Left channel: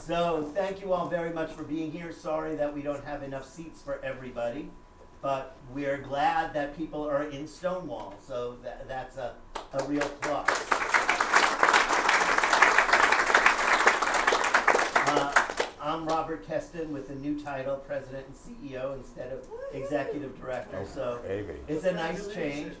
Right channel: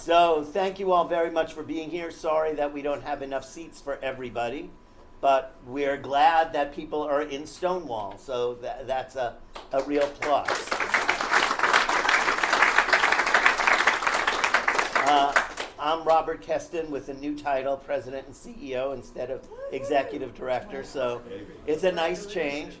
So thank you all very much for being here. Sorry that we don't have enough seats for everybody, but we're glad that people are in Stonewall, so that's a real plus. I'm Robert Keston with a new title, President and CEO instead of Executive Director, so it's a nice change.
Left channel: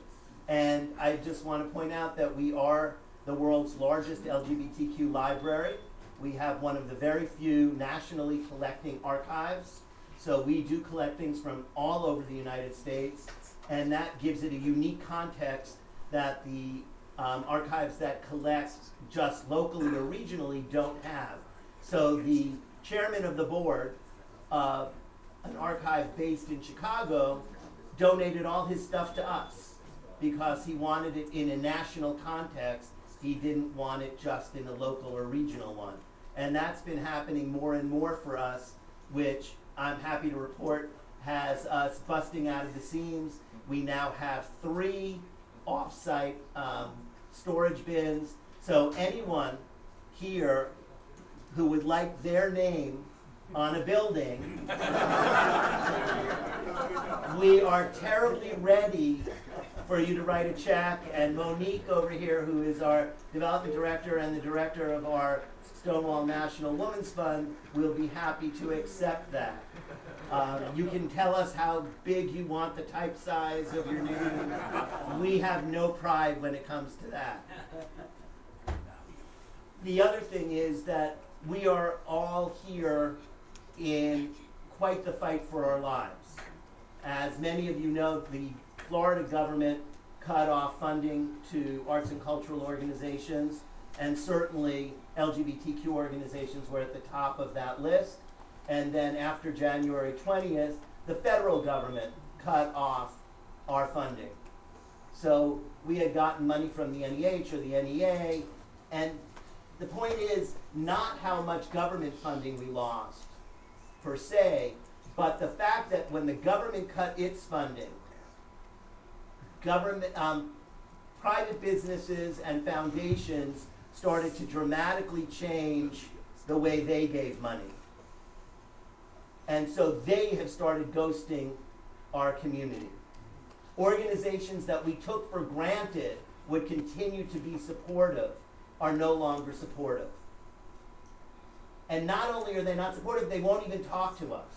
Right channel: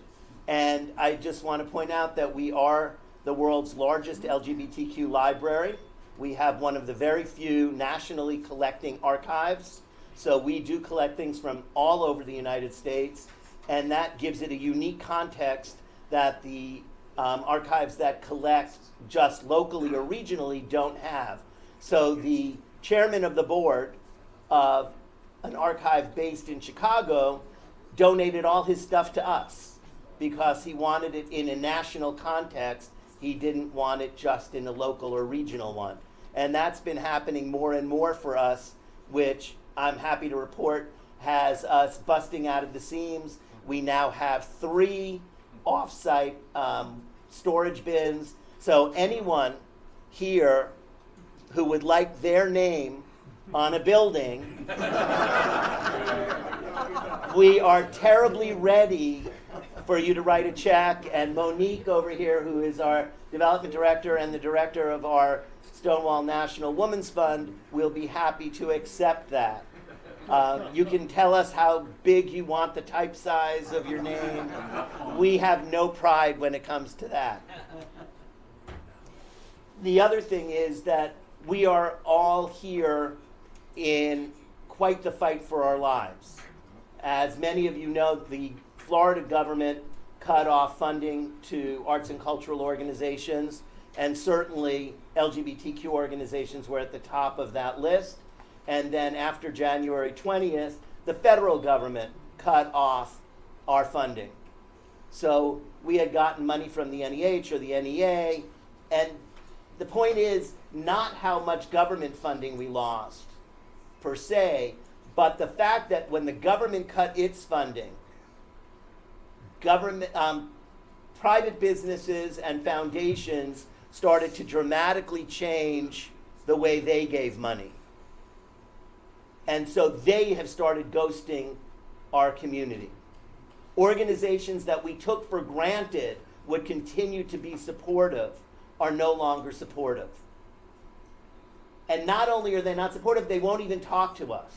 And I just want to point out that we are the world's largest LGBTQ library. We have one of the very few nationally collecting archives. So we do collect things from all over the United States, and that gives it a unique context that the archives that collect just locally or regionally don't have. So the chairman of the board of an archive based in Chicago donated all his stuff to us because he wanted it in a national context. He didn't want it just in a local or regional one. And that's been happening more and more for us, which I'm happy to report has us busting out of the seams. We now have 3 off-site storage bins. So anyone here who would like their name on a building, we are terribly ready for you to write a check. And Monique over here, who is our development director and the director of our Stonewall National Women's Fund, will be happy to accept that. You can tell us how big you want the type size of your name. We have no pride when it comes to that. The other thing is that we are all here in quite the fight for our lives. As many of you know, the Florida government cut off funding to arts and cultural organizations, and certainly LGBTQ organizations were at the top of that list. And then after January 20th, the federal government cut off our funding. So we had gotten money from the NEH or the NEA, and the point is not how much government funding we lost, per se, but the fact that when the government cut its funding, private businesses and foundations started to dramatically change the way they gave money. And so they have started ghosting our community. Organizations that we took for granted would continue to be supportive are no longer supportive. And not only are they not supportive, they won't even talk to us.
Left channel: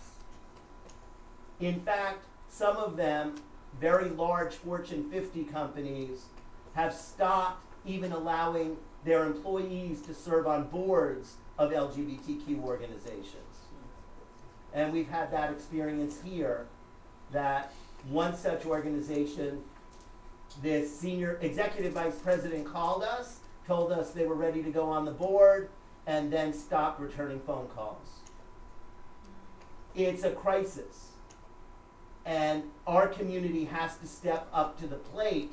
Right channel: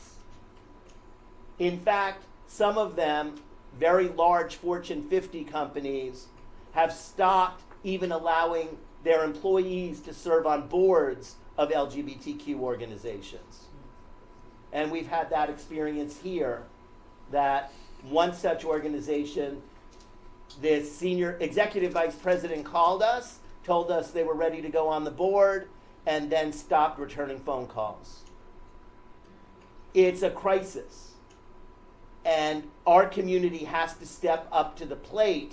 In fact, some of them, very large Fortune 50 companies, have stopped even allowing their employees to serve on boards of LGBTQ organizations. And we've had that experience here, that one such organization, this senior executive vice president called us, told us they were ready to go on the board, and then stopped returning phone calls. It's a crisis. And our community has to step up to the plate,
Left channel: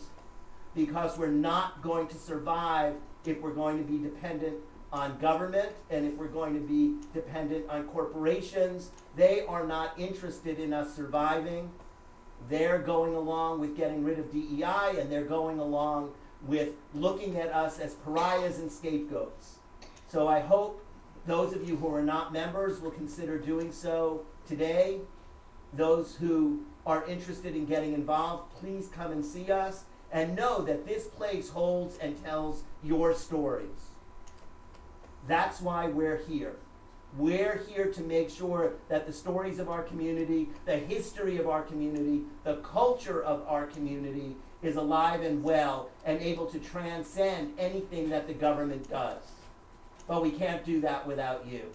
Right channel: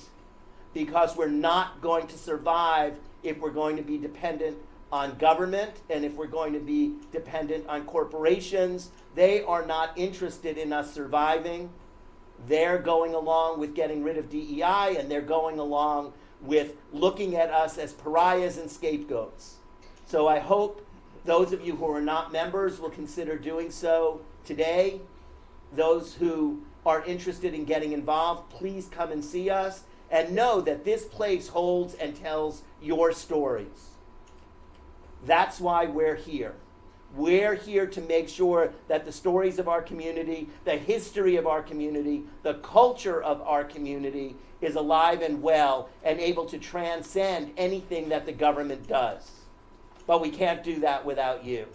because we're not going to survive if we're going to be dependent on government and if we're going to be dependent on corporations. They are not interested in us surviving. They're going along with getting rid of DEI, and they're going along with looking at us as pariahs and scapegoats. So I hope those of you who are not members will consider doing so today. Those who are interested in getting involved, please come and see us, and know that this place holds and tells your stories. That's why we're here. We're here to make sure that the stories of our community, the history of our community, the culture of our community is alive and well and able to transcend anything that the government does. But we can't do that without you.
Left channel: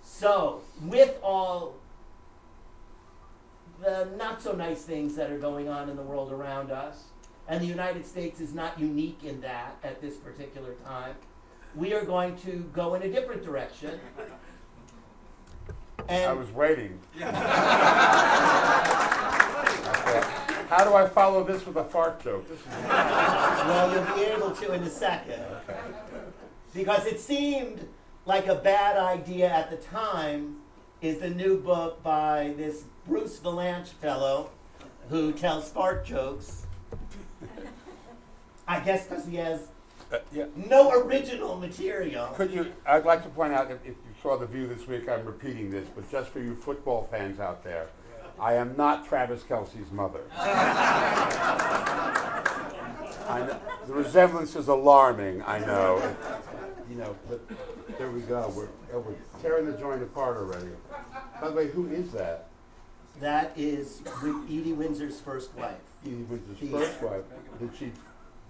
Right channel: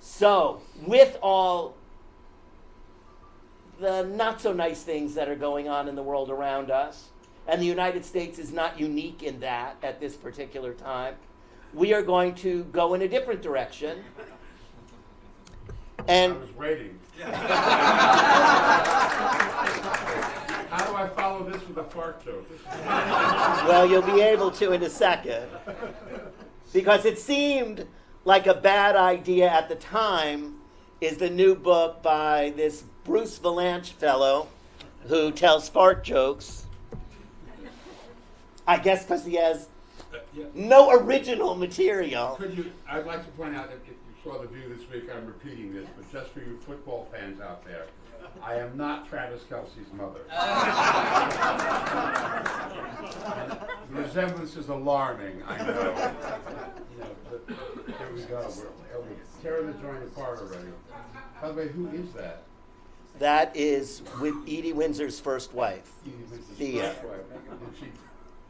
So, with all the not so nice things that are going on in the world around us, and the United States is not unique in that at this particular time, we are going to go in a different direction. And I was waiting. How do I follow this with a fart joke? well, you'll be able to in a second. Because it seemed like a bad idea at the time, is the new book by this Bruce Vilanch fellow who tells fart jokes. I guess because he has Yeah. No original material. I'd like to point out that if you saw The View this week, I'm repeating this, but just for you football fans out there, I am not Travis Kelce's mother. The resemblance is alarming, I know. But there we go. We're tearing the joint apart already. By the way, who is that? That is with Edie Windsor's first wife. Edie Windsor's first wife.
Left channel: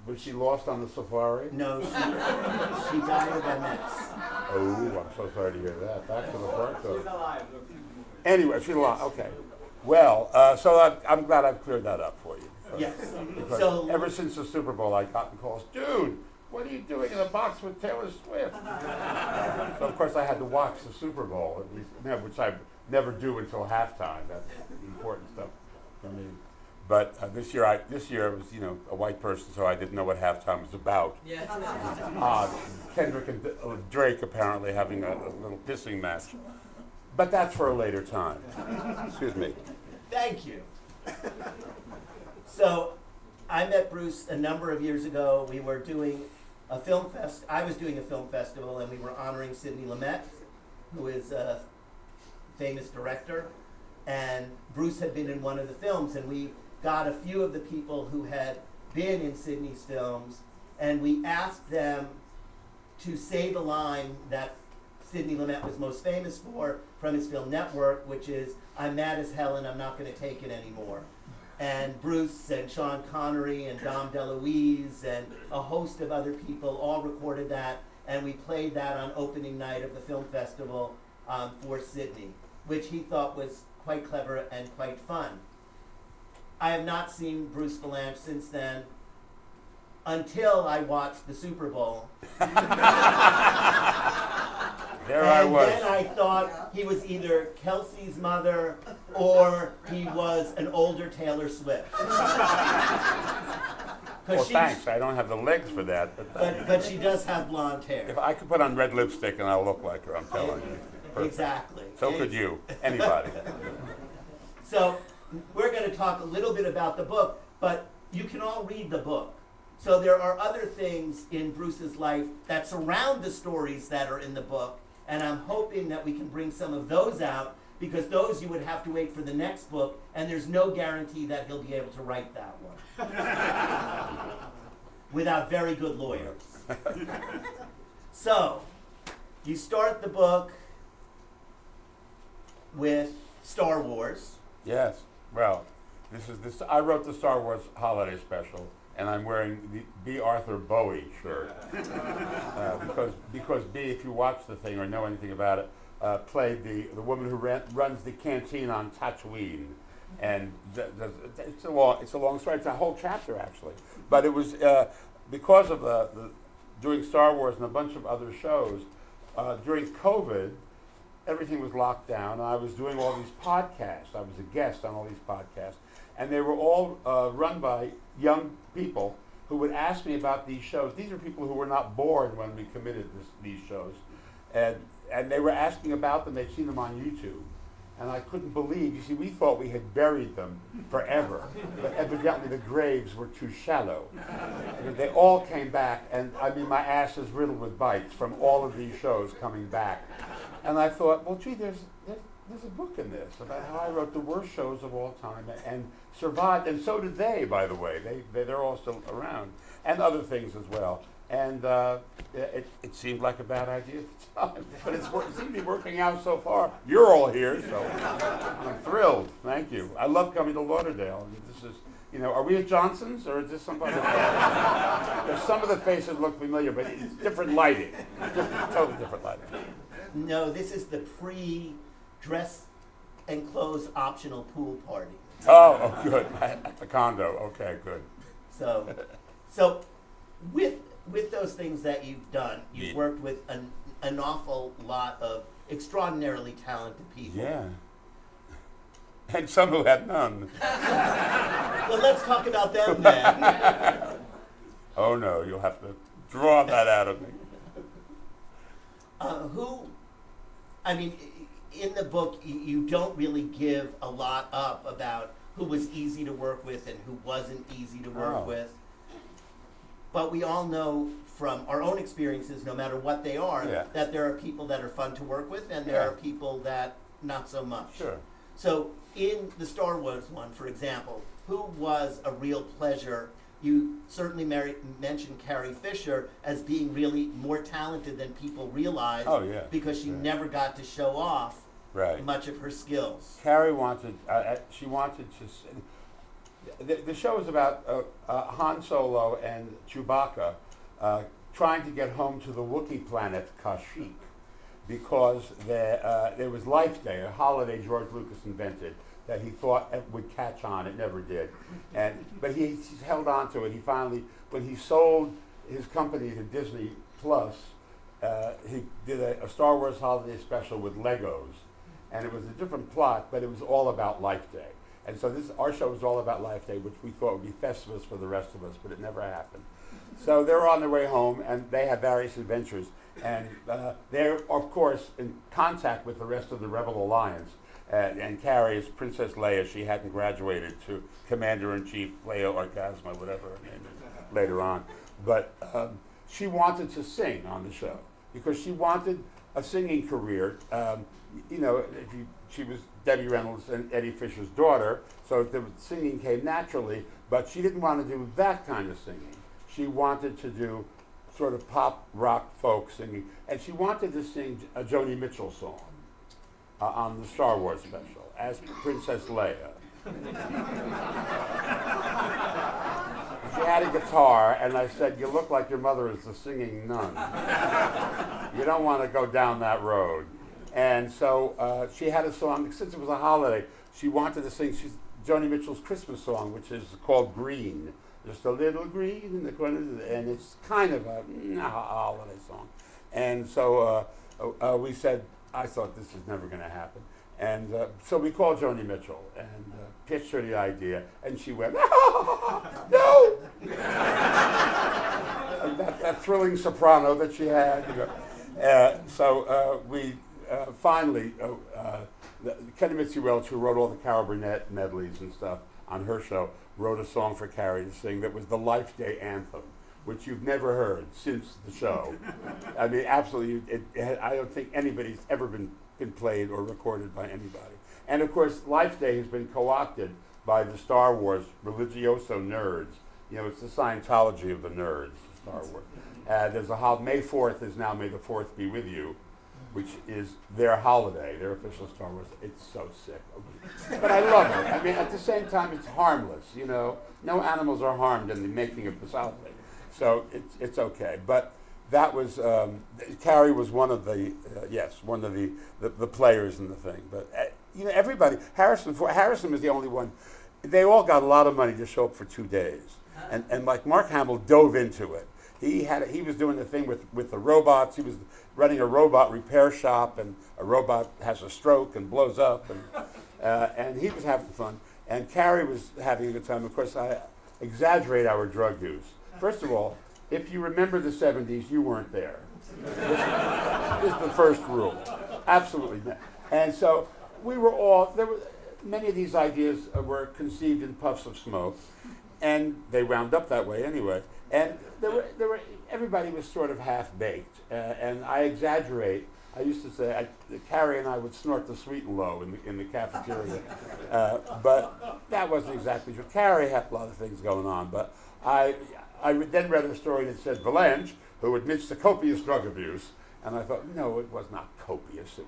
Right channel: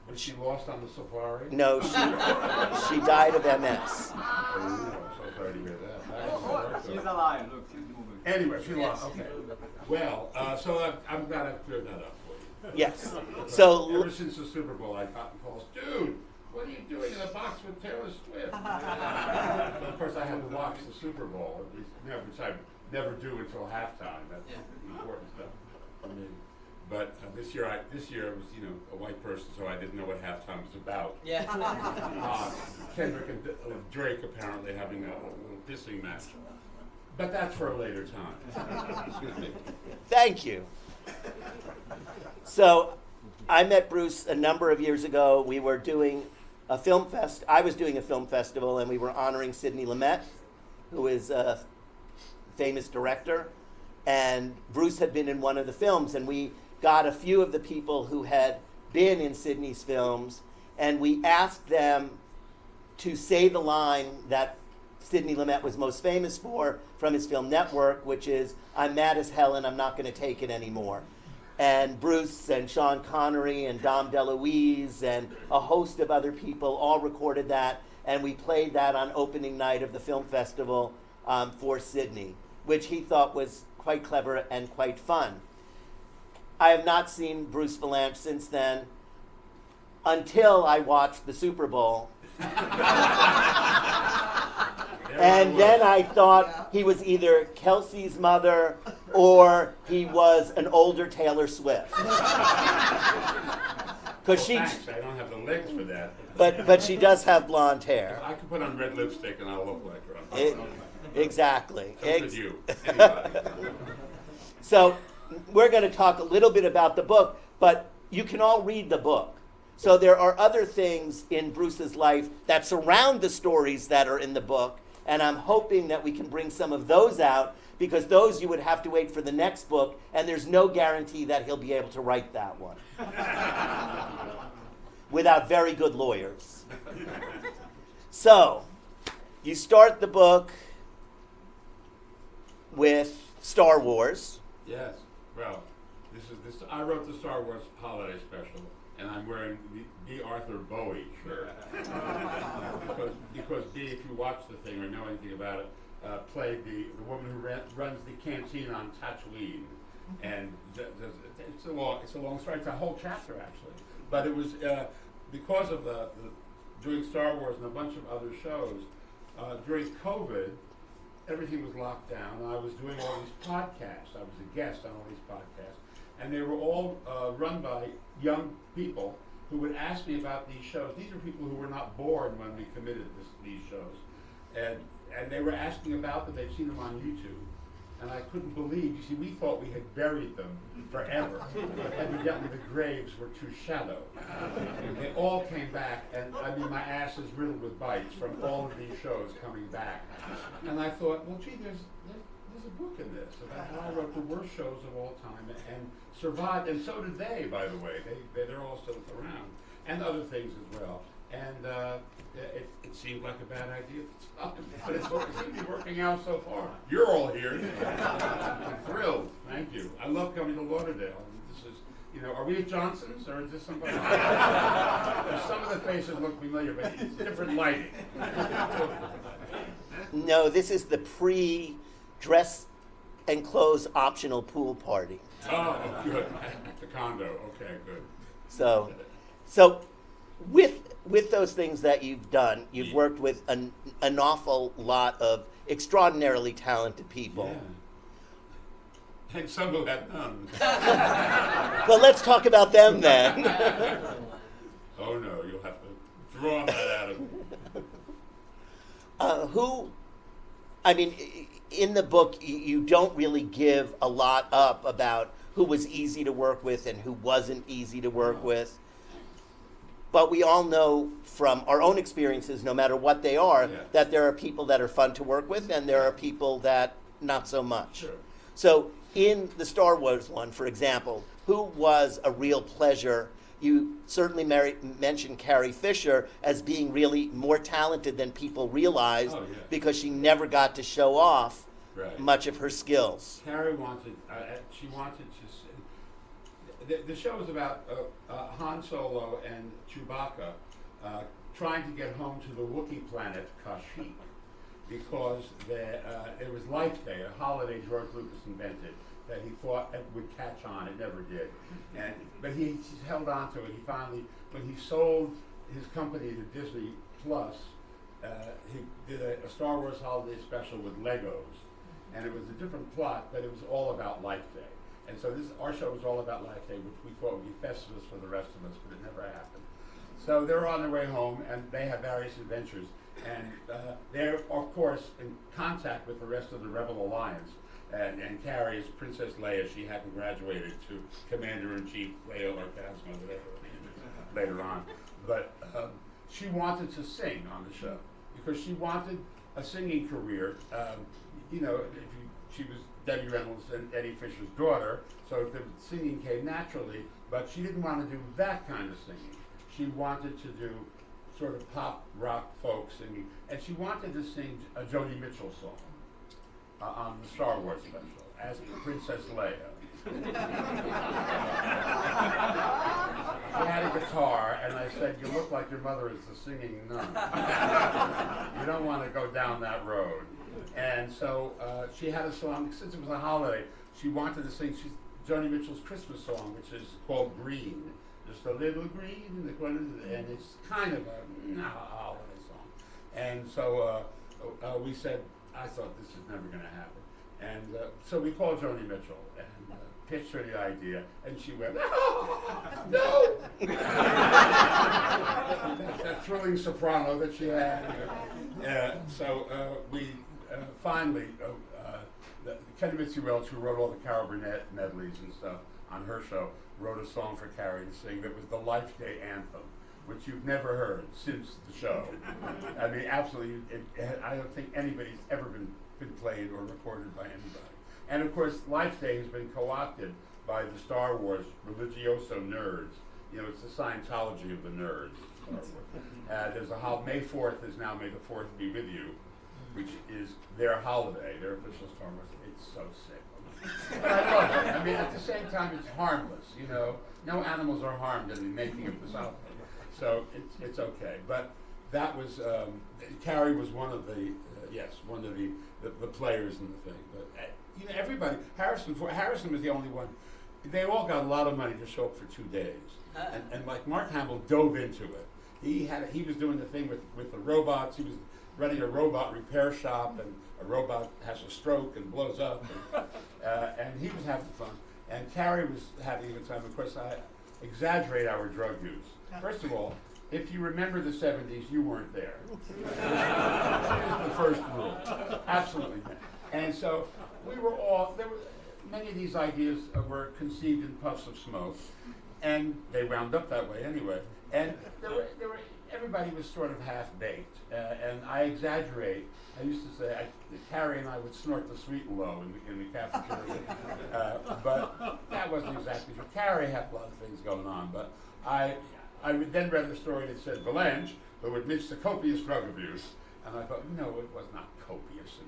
Was she lost on the safari? No, she died of MS. Oh, I'm so sorry to hear that. Back to the part, though. She's alive. Look, she's moving. Anyway, she's alive. Okay. Well, so I'm glad I've cleared that up for you. Yes. Because So ever since the Super Bowl, I've gotten calls, dude, what are you doing in a box with Taylor Swift? So of course I had to watch the Super Bowl, at least, which I never do until halftime. That's the important stuff for me. But this year it was a white person, so I didn't know what halftime was about. Yeah. Kendrick and Drake apparently having a little pissing match. But that's for a later time. Excuse me. thank you. So I met Bruce a number of years ago. We were doing a film fest. I was doing a film festival, and we were honoring Sidney Lumet, who is a famous director. And Bruce had been in one of the films, and we got a few of the people who had been in Sidney's films, and we asked them to say the line that Sidney Lumet was most famous for from his film Network, which is, "I'm mad as hell and I'm not going to take it anymore." And Bruce and Sean Connery and Dom DeLuise and a host of other people all recorded that, and we played that on opening night of the film festival for Sidney, which he thought was quite clever and quite fun. I have not seen Bruce Vilanch since then, until I watched the Super Bowl. And then I thought he was either Kelsey's mother or he was an older Taylor Swift. Thanks. I don't have the legs for that. But she does have blonde If hair. I could put on red lipstick and I'll look like her. I'm telling you. Exactly. So could you. Anybody. So we're going to talk a little bit about the book, but you can all read the book. So there are other things in Bruce's life that surround the stories that are in the book, and I'm hoping that we can bring some of those out, because those you would have to wait for the next book, and there's no guarantee that he'll be able to write that one without very good lawyers. So you start the book with Star Wars. Yes. Well, I wrote the Star Wars holiday special, and I'm wearing the B. Arthur Bowie shirt. Because B, if you watch the thing or know anything about it, played the woman who runs the canteen on Tatooine. And it's a long story. It's a whole chapter, actually. But it was because of doing Star Wars and a bunch of other shows, during COVID, everything was locked down, and I was doing all these podcasts. I was a guest on all these podcasts, and they were all run by young people who would ask me about these shows. These are people who were not born when we committed these shows, and they were asking about them. They'd seen them on YouTube, and I couldn't believe. You see, we thought we had buried them forever, but evidently the graves were too shallow. They all came back, and I mean, my ass is riddled with bites from all of these shows coming back. And I thought, well, gee, there's a book in this about how I wrote the worst shows of all time and survived, and so did they, by the way. They're all still around, and other things as well. And it seemed like a bad idea at the time, but it seemed to be working out so far. You're all here, so I'm thrilled. Thank you. I love coming to Lauderdale. This is, are we at Johnson's, or is this somebody else? Some of the faces look familiar, but it's different lighting. Totally different lighting. No, this is the pre-dress and clothes optional pool party. Oh, good. At the condo. Okay, good. So with those things that you've done, you've worked with an awful lot of extraordinarily talented people. Yeah. And some who had none. Well, let's talk about them then. Oh no, you'll have to draw that out of me. In the book, you don't really give a lot up about who was easy to work with and who wasn't easy to work with. But we all know from our own experiences, no matter what they are, Yeah. that there are people that are fun to work with and there Yeah. are people that not so much. Sure. So in the Star Wars one, for example, who was a real pleasure? You certainly mentioned Carrie Fisher as being really more talented than people realized Oh, yeah. because she never got to show off Right. much of her skills. Carrie wanted, she wanted to, the show is about Han Solo and Chewbacca trying to get home to the Wookiee planet Kashyyyk because there was Life Day, a holiday George Lucas invented that he thought it would catch on. It never did. But he held on to it. He finally, when he sold his company to Disney Plus, he did a Star Wars holiday special with Legos. And it was a different plot, but it was all about Life Day. And so our show was all about Life Day, which we thought would be Festivus for the rest of us, but it never happened. So they're on their way home, and they have various adventures. And they're, of course, in contact with the rest of the Rebel Alliance. And Carrie is Princess Leia. She hadn't graduated to Commander-in-Chief Leia Orgasma, whatever her name is, later on. But she wanted to sing on the show because she wanted a singing career. She was Debbie Reynolds and Eddie Fisher's daughter, so the singing came naturally, but she didn't want to do that kind of singing. She wanted to do sort of pop, rock, folk singing, and she wanted to sing a Joni Mitchell song on the Star Wars special as Princess Leia. She had a guitar, and I said, "You look like your mother is the singing nun. You don't want to go down that road." And so she had a song, since it was a holiday, she wanted to sing Joni Mitchell's Christmas song, which is called Green. Just a little green in the corner, and it's kind of a holiday song. And so we said, I thought this is never going to happen. And so we called Joni Mitchell and pitched her the idea, and she went, no! that thrilling soprano that she had. So we finally, Kenny Mitzi Welch, who wrote all the Carol Burnett medleys and stuff on her show, wrote a song for Carrie to sing that was the Life Day anthem, which you've never heard since the show. I mean, absolutely, I don't think anybody's ever been played or recorded by anybody. And of course, Life Day has been co-opted by the Star Wars religioso nerds. You know, it's the Scientology of the nerds, Star Wars. There's May 4th is now May the 4th be with you, which is their holiday, their official Star Wars. It's so sick. But I love it. I mean, at the same time, it's harmless, you know. No animals are harmed in the making of this holiday. So it's okay. But that was, Carrie was one of the players in the thing. But, you know, everybody, Harrison was the only one. They all got a lot of money to show up for 2 days. And like Mark Hamill dove into it. He was doing the thing with the robots. He was running a robot repair shop, and a robot has a stroke and blows up, and he was having fun. And Carrie was having a good time. Of course, I exaggerate our drug use. First of all, if you remember the 70s, you weren't there. This is the first rule. Absolutely not. And so many of these ideas were conceived in puffs of smoke, and they wound up that way anyway. And everybody was sort of half-baked, and I exaggerate. I used to say Carrie and I would snort the sweet and low in the cafeteria, but that wasn't exactly true. Carrie had a lot of things going on, but I then read a story that said Vilanch, who admits to copious drug abuse, and I thought, no, it was not copious.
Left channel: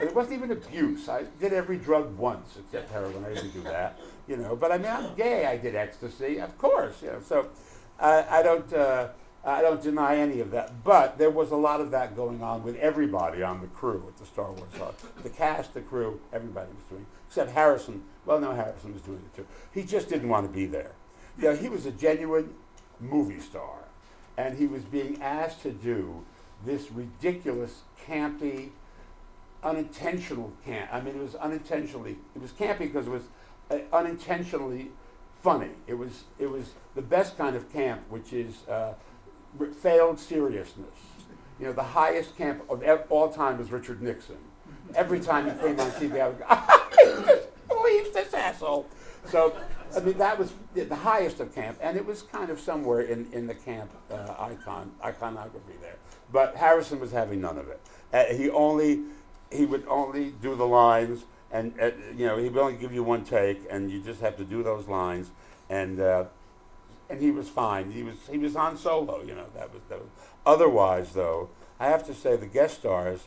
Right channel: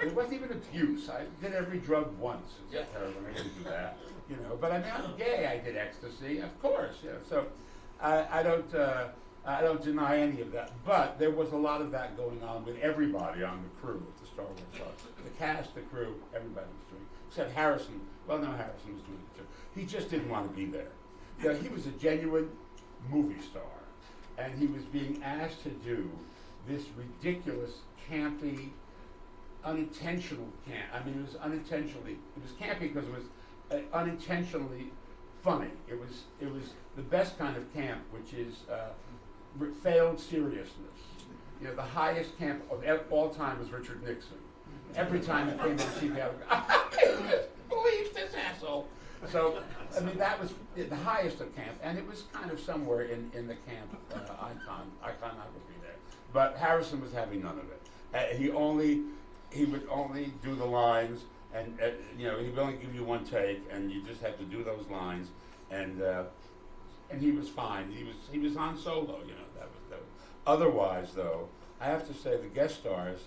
It wasn't even abuse. I did every drug once, except heroin. I didn't do that, you know. But I mean, I'm gay. I did ecstasy, of course. You know, so I don't deny any of that. But there was a lot of that going on with everybody on the crew at the Star Wars Club. The cast, the crew, everybody was doing it. Except Harrison. Well, no, Harrison was doing it too. He just didn't want to be there. You know, he was a genuine movie star, and he was being asked to do this ridiculous, campy, unintentional camp. I mean, it was campy because it was unintentionally funny. It was the best kind of camp, which is failed seriousness. You know, the highest camp of all time is Richard Nixon. Every time he came on TV, I would go, I can't believe this asshole. So, I mean, that was the highest of camp, and it was kind of somewhere in the camp iconography there. But Harrison was having none of it. He would only do the lines, and he would only give you one take, and you just have to do those lines, and he was fine. He was on solo, That was. Otherwise, though, I have to say the guest stars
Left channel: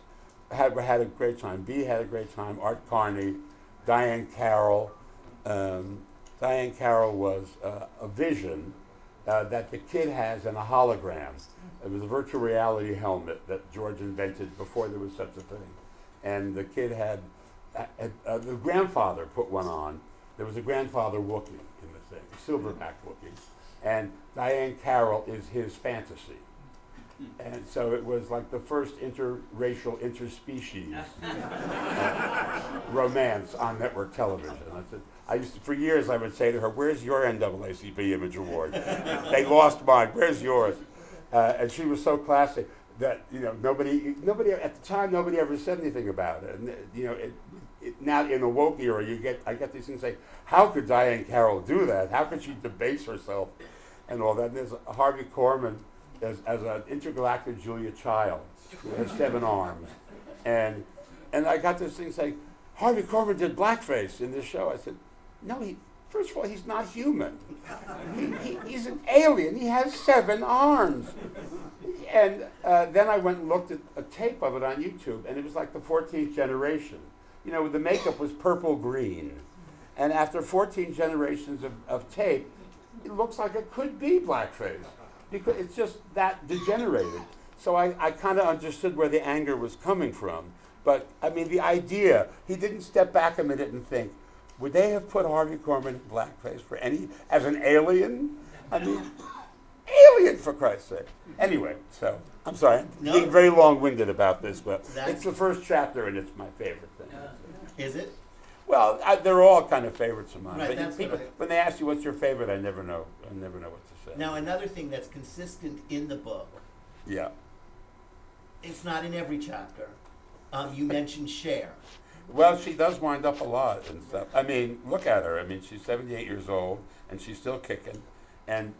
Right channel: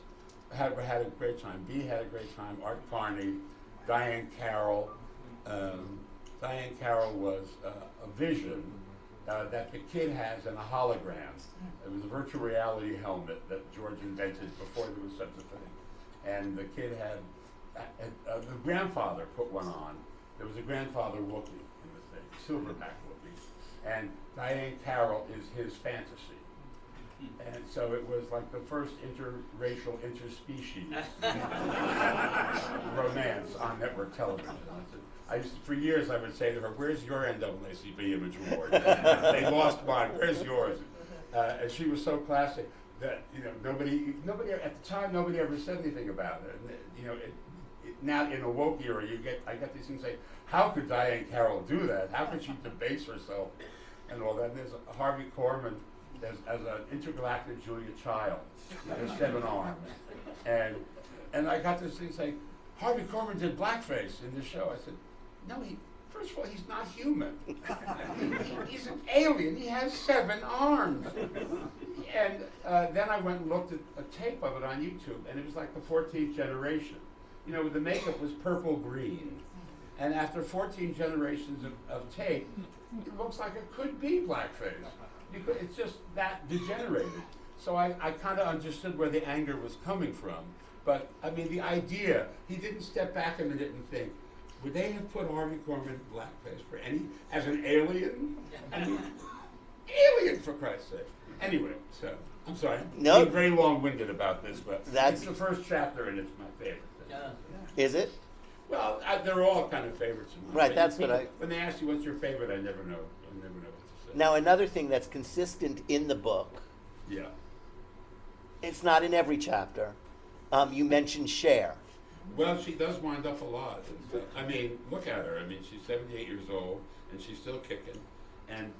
had a great time. Bea had a great time. Art Carney, Diane Carroll. Diane Carroll was a vision that the kid has in a hologram. It was a virtual reality helmet that George invented before there was such a thing. And the kid had the grandfather put one on. There was a grandfather Wookiee in the thing, silverback Wookiee. And Diane Carroll is his fantasy. And so it was like the first interracial, interspecies romance on network television. For years I would say to her, "Where's your NAACP Image Award? They lost mine. Where's yours?" And she was so classy that nobody at the time nobody ever said anything about it. And now in a woke era, I get these things say, "How could Diane Carroll do that? How could she debase herself?" And all that. And there's Harvey Korman as an intergalactic Julia Child, with 7 arms, and I got this thing saying, "Harvey Korman did blackface in this show." I said, "No, first of all, he's not human. He's an alien. He has 7 arms." And then I went and looked at a tape of it on YouTube, and it was like the 14th generation. The makeup was purple green, and after 14 generations of tape, it looks like it could be blackface. Because it's just that degenerated. So I kind of understood where the anger was coming from. But, I mean, the idea, he didn't step back a minute and think, would they have put Harvey Korman blackface as an alien? I mean, alien, for Christ's sake. Anyway, so, I'm sorry. No. Being very long-winded about this, but it's the first chapter and it's my favorite thing. Is it? Well, they're all kind of favorites of mine. Right, that's people, when they ask you what's your favorite, I never know what to say. Now, another thing that's consistent in the book, yeah, it's not in every chapter. You mentioned Cher. Well, she does wind up a lot and stuff. I mean, look at her. I mean, she's 78 years old and she's still kicking, and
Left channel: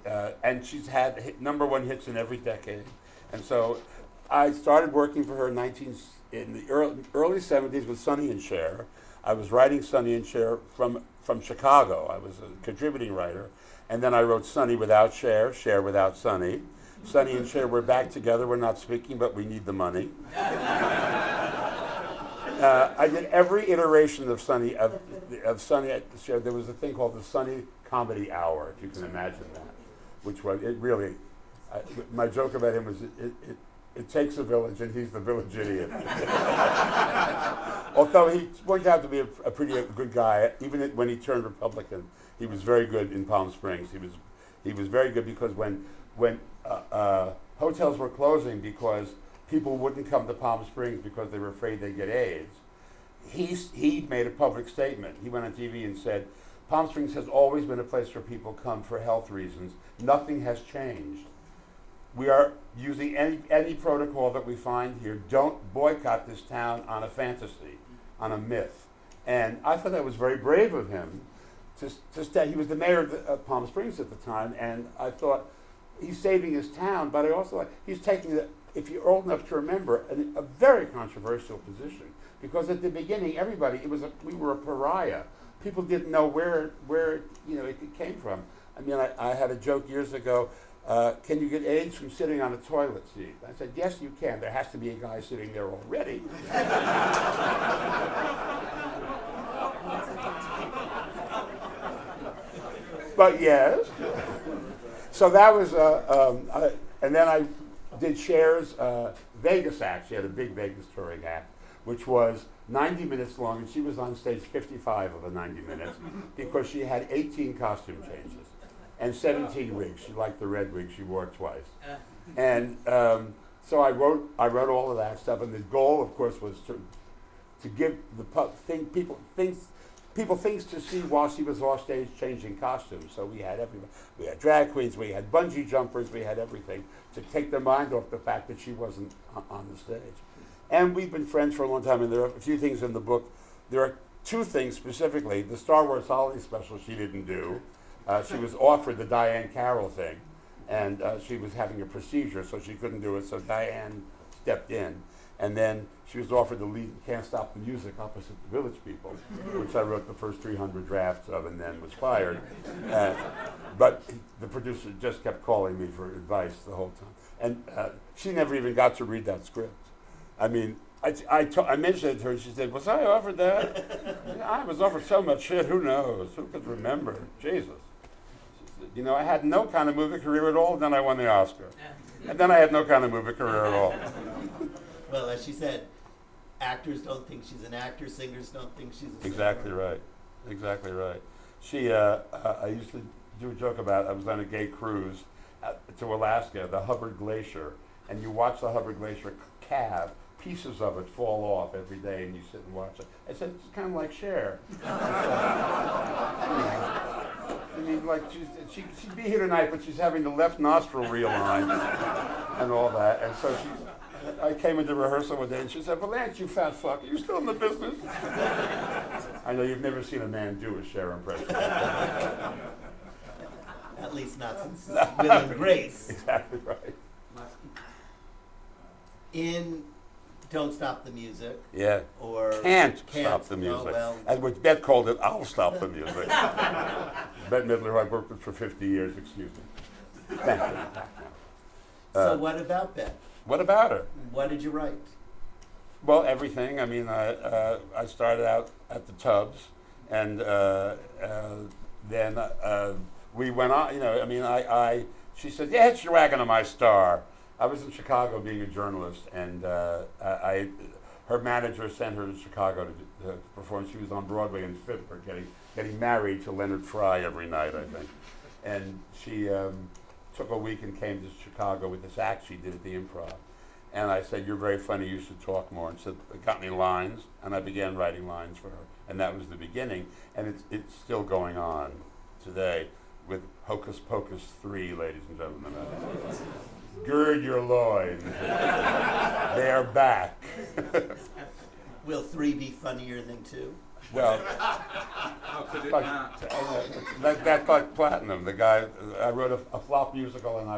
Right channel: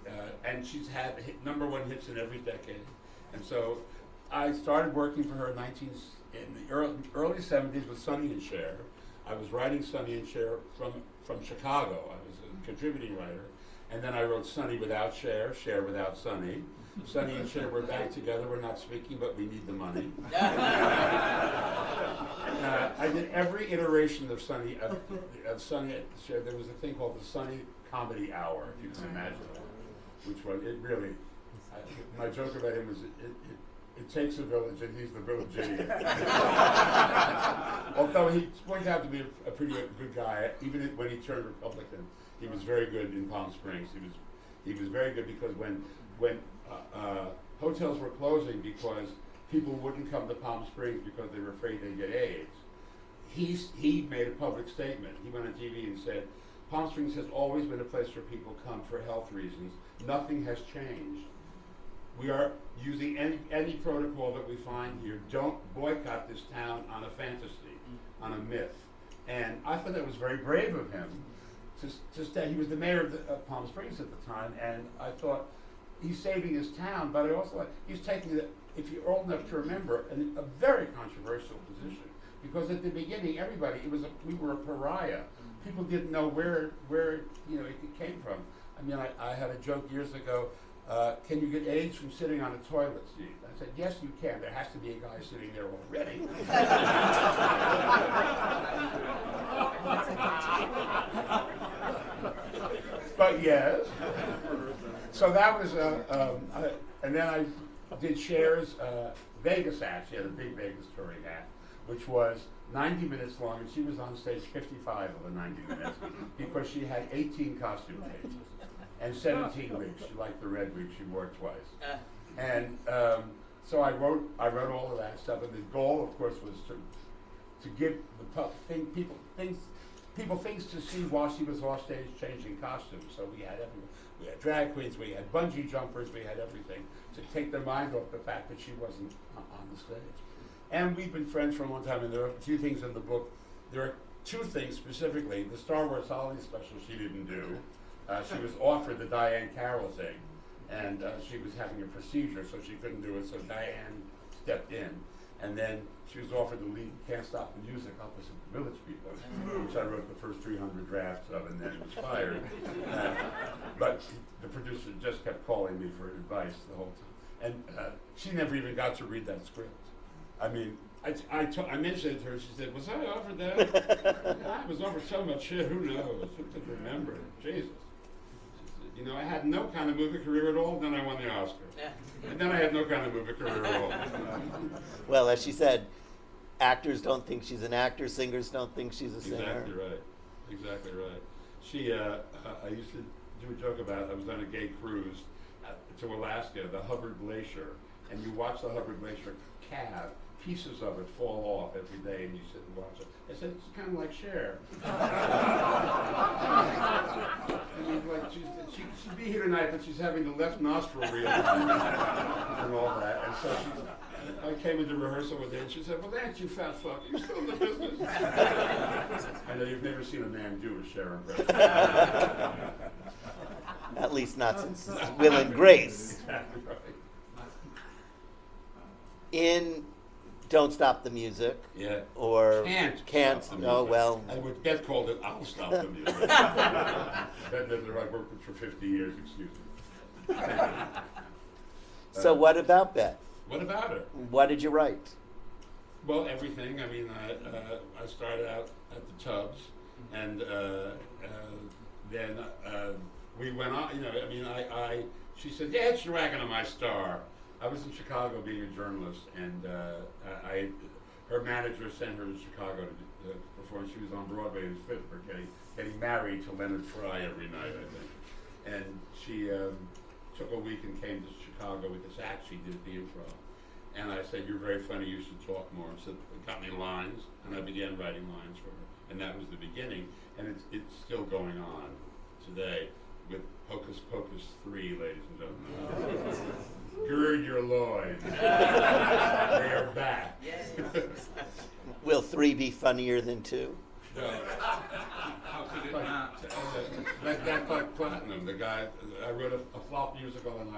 she's had #1 hits in every decade. And so, I started working for her in the early 70s with Sonny and Cher. I was writing Sonny and Cher from Chicago. I was a contributing writer. And then I wrote Sonny without Cher, Cher without Sonny. Sonny and Cher, we're back together, we're not speaking, but we need the money. I did every iteration of Sonny at Cher. There was a thing called the Sonny Comedy Hour, if you can imagine that, which was, it really, my joke about him was, it takes a village and he's the village idiot. Although he turned out to be a pretty good guy, even when he turned Republican. He was very good in Palm Springs. He was very good because when hotels were closing because people wouldn't come to Palm Springs because they were afraid they'd get AIDS, he made a public statement. He went on TV and said, "Palm Springs has always been a place where people come for health reasons. Nothing has changed. We are using any protocol that we find here. Don't boycott this town on a fantasy, on a myth." And I thought that was very brave of him. He was the mayor of Palm Springs at the time, and I thought he's saving his town, but I also like he's taking if you're old enough to remember, a very controversial position, because at the beginning we were a pariah. People didn't know where it came from. I mean, I had a joke years ago. Can you get AIDS from sitting on a toilet seat? I said, yes, you can. There has to be a guy sitting there already. But yes. So that was, and then I did Cher's Vegas act. She had a big Vegas touring act, which was 90 minutes long, and she was on stage 55 of the 90 minutes because she had 18 costume changes and 17 wigs. She liked the red wig; she wore it twice. And so I wrote all of that stuff, and the goal, of course, was to give people things to see while she was off stage changing costumes. So we had everything. We had drag queens, we had bungee jumpers, we had everything to take their mind off the fact that she wasn't on the stage. And we've been friends for a long time, and there are a few things in the book. There are two things specifically. The Star Wars holiday special she didn't do. She was offered the Diane Carroll thing, and she was having a procedure, so she couldn't do it, so Diane stepped in. And then she was offered the lead Can't Stop the Music opposite the Village People, which I wrote the first 300 drafts of and then was fired. But the producer just kept calling me for advice the whole time. And she never even got to read that script. I mean, I mentioned it to her, she said, was I offered that? I was offered so much shit, who knows? Who could remember? Jesus. You know, I had no kind of movie career at all, then I won the Oscar. And then I had no kind of movie career at all. Well, as she said, actors don't think she's an actor, singers don't think she's a singer. Exactly right. Exactly right. She, I used to do a joke about, I was on a gay cruise to Alaska, the Hubbard Glacier, and you watch the Hubbard Glacier calve, pieces of it fall off every day, and you sit and watch it. I said, it's kind of like Cher. I mean, like, she'd be here tonight, but she's having the left nostril realigned and all that. And so I came into rehearsal one day, and she said, Vilanch, you fat fuck, are you still in the business? I know you've never seen a man do a Cher impression. At least not since Will and Grace. Exactly right. In Don't Stop the Music. Yeah. Or Can't Stop the Music. Oh, well. And which Bette called it, I'll Stop the Music. Bette Midler, who I've worked with for 50 years, excuse me. Thank you. So what about Bette? What about her? What did you write? Well, everything. I mean, I started out at the Tubs, and then we went on. You know, I mean, she said, "Yeah, it's your wagon on my star." I was in Chicago being a journalist, and her manager sent her to Chicago to perform. She was on Broadway in Fitler, getting married to Leonard Fry every night, I think. And she took a week and came to Chicago with this act she did at the Improv. And I said, "You're very funny, you should talk more." And so it got me lines, and I began writing lines for her. And that was the beginning. And it's still going on today with Hocus Pocus 3, ladies and gentlemen. Gird your loins. They're back. Will 3 be funnier than 2? Well, How could it not? that got platinum. The guy, I wrote a flop musical, and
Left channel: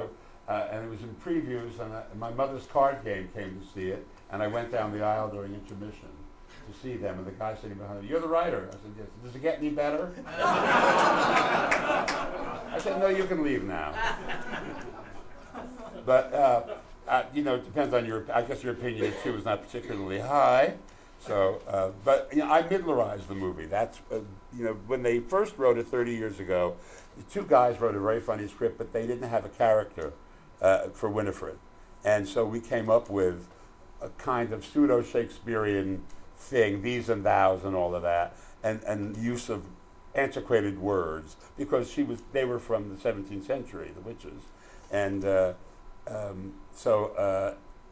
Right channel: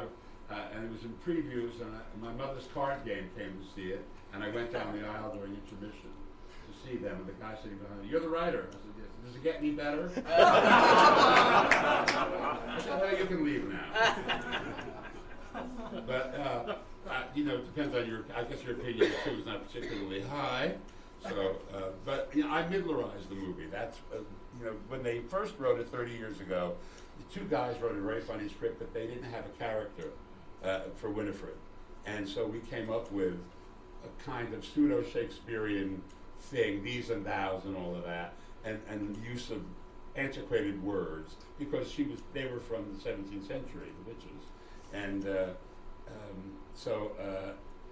it was in previews, and my mother's card game came to see it, and I went down the aisle during intermission to see them, and the guy sitting behind me, "You're the writer." I said, "Yes." "Does it get any better?" I said, "No, you can leave now." But you know, it depends on I guess your opinion too is not particularly high. So, but you know, I Midlerized the movie. That's you know, when they first wrote it 30 years ago, the two guys wrote a very funny script, but they didn't have a character for Winifred, and so we came up with a kind of pseudo-Shakespearean thing, these and thous and all of that, and use of antiquated words because they were from the 17th century, the witches, and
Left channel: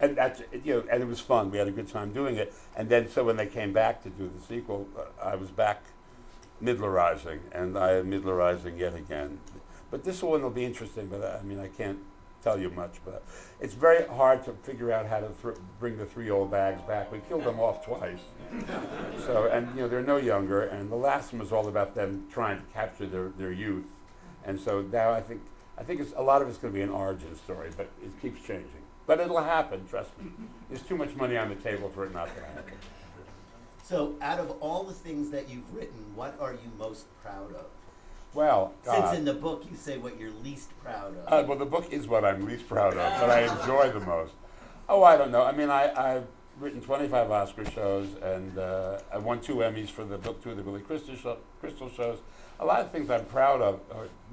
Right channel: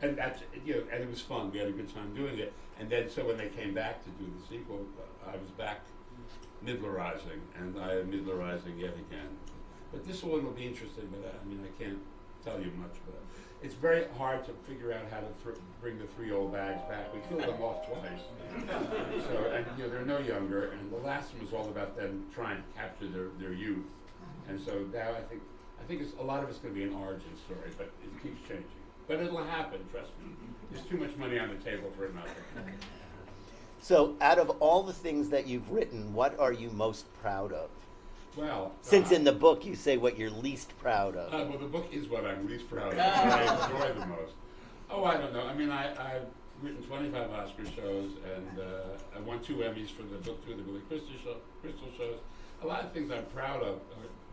and that's, you know, and it was fun. We had a good time doing it. And then, so when they came back to do the sequel, I was back Midlerizing, and I am Midlerizing yet again. But this one will be interesting. But I mean, I can't tell you much. But it's very hard to figure out how to bring the 3 old bags back. We killed them off twice. So, and you know, they're no younger. And the last one was all about them trying to capture their youth. And so now I think a lot of it's going to be an origin story, but it keeps changing. But it'll happen, trust me. There's too much money on the table for it not to happen. So out of all the things that you've written, what are you most proud of? Well, Since in the book you say what you're least proud of. well, the book is what I'm least proud of, but I enjoy the most. Oh, I don't know. I mean, I've written 25 Oscar shows, and I won 2 Emmys for the book, 2 of the Billy Crystal shows. A lot of things I'm proud of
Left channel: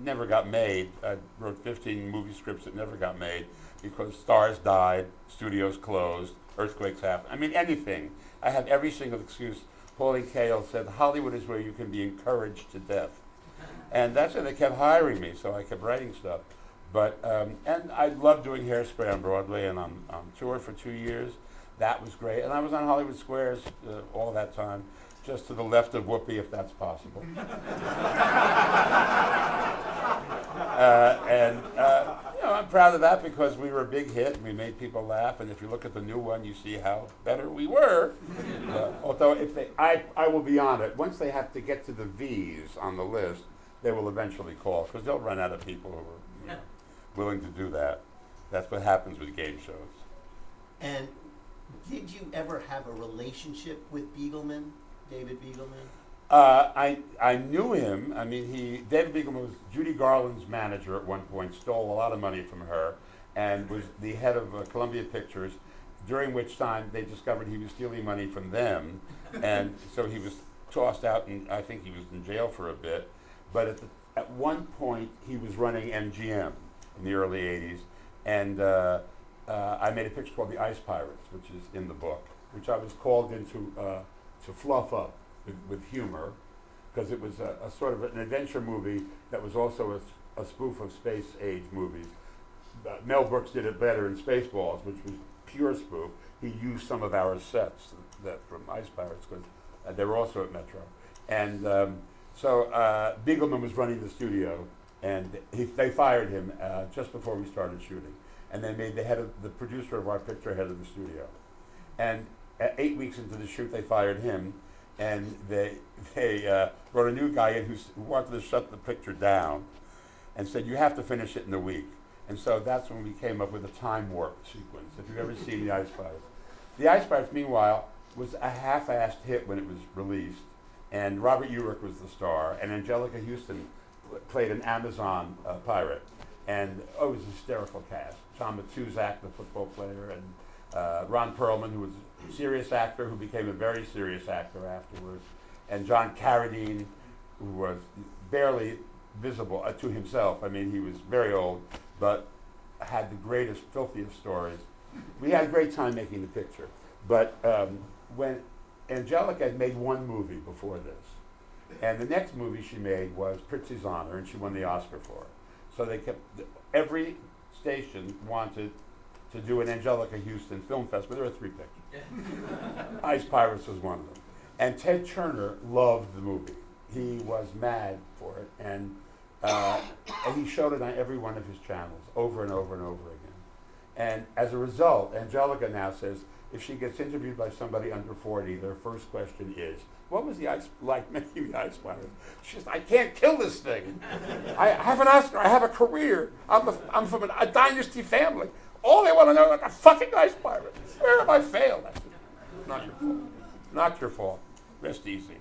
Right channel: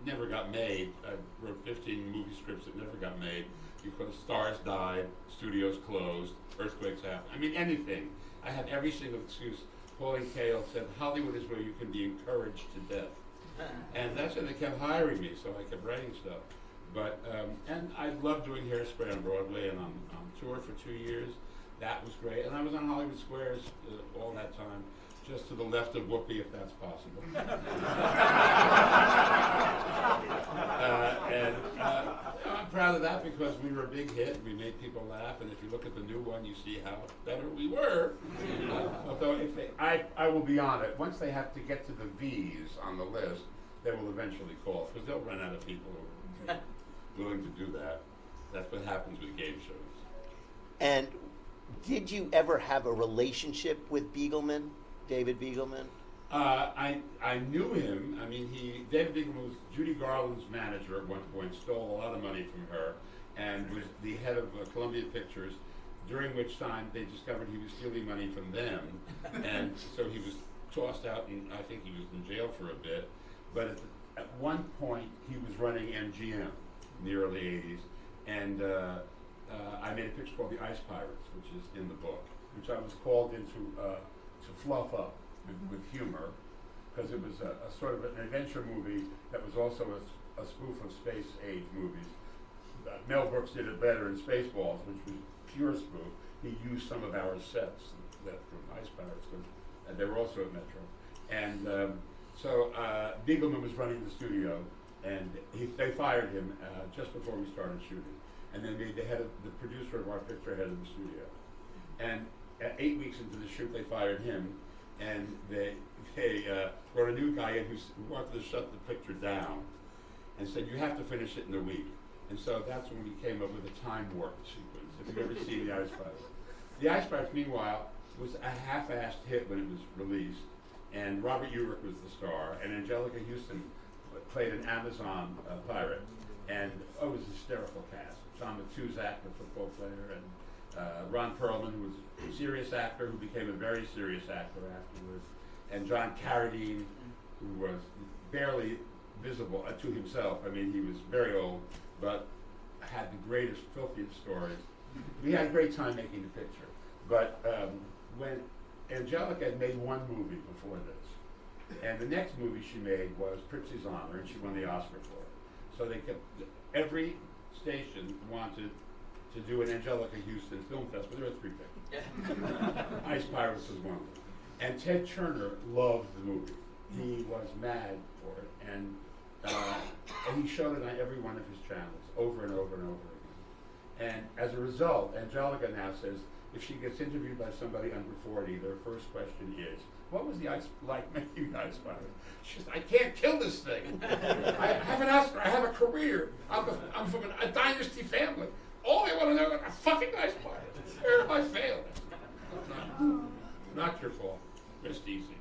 never got made. I wrote 15 movie scripts that never got made because stars died, studios closed, earthquakes happened. I mean, anything. I have every single excuse. Pauline Kael said, Hollywood is where you can be encouraged to death. And that's why they kept hiring me, so I kept writing stuff. But, and I love doing Hairspray on Broadway, and I'm on tour for 2 years. That was great. And I was on Hollywood Squares all that time, just to the left of Whoopi, if that's possible. You know, I'm proud of that because we were a big hit and we made people laugh. And if you look at the new one, you see how better we were. Although Although if they, I will be on it. Once they have to get to the V's on the list, they will eventually call because they'll run out of people who are willing to do that. That's what happens with game shows. And did you ever have a relationship with Beagleman, David Beagleman? I knew him. I mean, David Beagleman was Judy Garland's manager at one point, stole a lot of money from her, and was the head of Columbia Pictures, during which time they discovered he was stealing money from them, and so he was tossed out, and I think he was in jail for a bit. But at one point, he was running MGM in the early 80s, and I made a picture called The Ice Pirates, which is in the book, which I was called in to fluff up with humor, because it was a sort of an adventure movie that was also a spoof of space age movies. Mel Brooks did it better in Spaceballs, which was pure spoof. He used some of our sets that from Ice Pirates, because they were also at Metro. And so Beagleman was running the studio, and they fired him just before we started shooting, and they made the producer of our picture head of the studio. And 8 weeks into the shoot, they fired him, and they brought a new guy in who wanted to shut the picture down, and said, "You have to finish it in a week." And so that's when we came up with a time warp sequence. If you've ever seen The Ice Pirates. The Ice Pirates, meanwhile, was a half-assed hit when it was released, and Robert Urich was the star, and Angelica Houston played an Amazon pirate, and it was a hysterical cast. John Matuzak, the football player, and Ron Perlman, who was a serious actor who became a very serious actor afterwards, and John Carradine, who was barely visible to himself. I mean, he was very old, but had the greatest, filthiest stories. We had a great time making the picture, but when Angelica had made one movie before this, and the next movie she made was Pritzi's Honor, and she won the Oscar for it. So they kept, every station wanted to do an Angelica Houston film festival. There were 3 pictures. Ice Pirates was one of them. And Ted Turner loved the movie. He was mad for it, and he showed it on every one of his channels over and over and over again. And as a result, Angelica now says if she gets interviewed by somebody under 40, their first question is, "What was the ice like making the Ice Pirates?" She says, "I can't kill this thing. I have an Oscar. I have a career. I'm from a dynasty family. All they want to know is like a fucking Ice Pirate. Where have I failed?" Not your fault. Rest easy.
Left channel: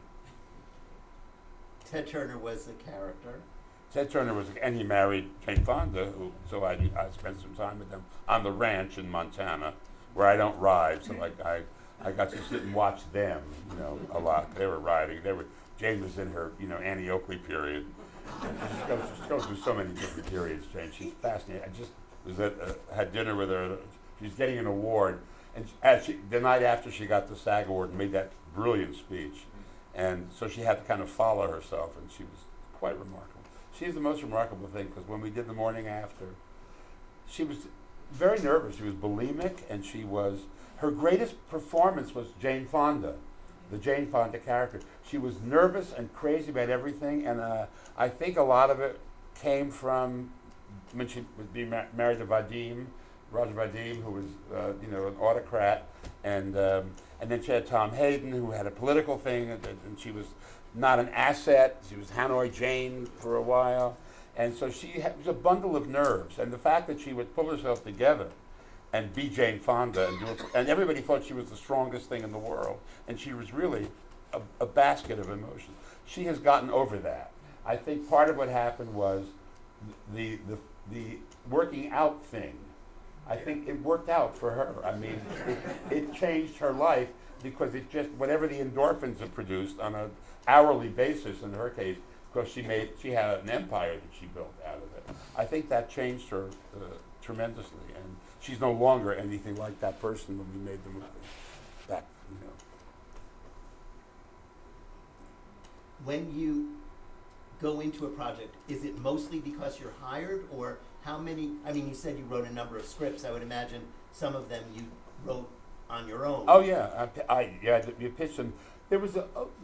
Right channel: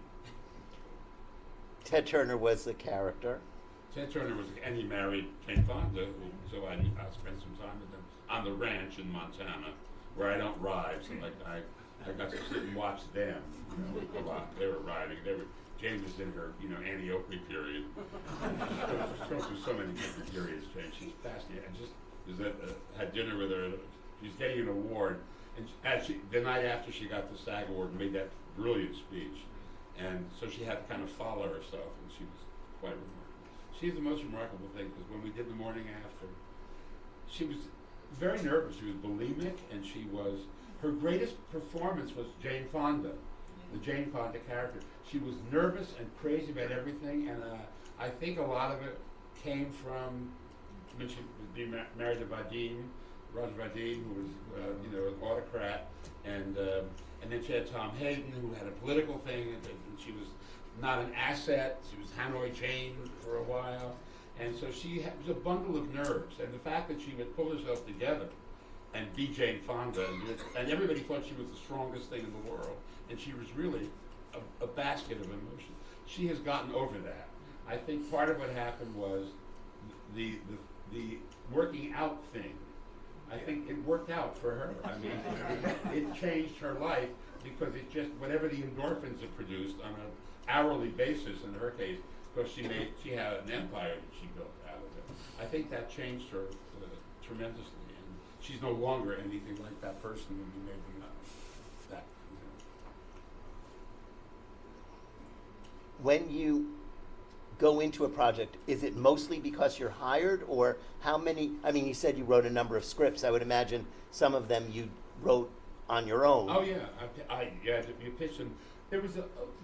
Ted Turner was the character. Ted Turner was, and he married Jane Fonda, so I spent some time with them on the ranch in Montana, where I don't ride, so like I got to sit and watch them, a lot. They were riding. Jane was in her, Annie Oakley period. And she just goes through so many different periods, Jane. She's fascinating. I just had dinner with her. She's getting an award, and the night after she got the SAG award, made that brilliant speech, and so she had to kind of follow herself, and she was quite remarkable. She's the most remarkable thing, because when we did the morning after, she was very nervous. She was bulimic, and her greatest performance was Jane Fonda, the Jane Fonda character. She was nervous and crazy about everything, and I think a lot of it came from when she would be married to Roger Vadim, who was, an autocrat, and then she had Tom Hayden, who had a political thing, and she was not an asset. She was Hanoi Jane for a while, and so she was a bundle of nerves. And the fact that she would pull herself together and be Jane Fonda, and everybody thought she was the strongest thing in the world, and she was really a basket of emotions. She has gotten over that. I think part of what happened was the working out thing. I think it worked out for her. I mean, it changed her life, because it just, whatever the endorphins it produced on an hourly basis in her case, because she had an empire that she built out of it. I think that changed her tremendously, and she's no longer anything like that person when we made the movie. When you go into a project, is it mostly because you're hired, or how many? I mean, you said you wrote a number of scripts. I would imagine some of them you wrote on your own. Oh yeah, you pitched them. There was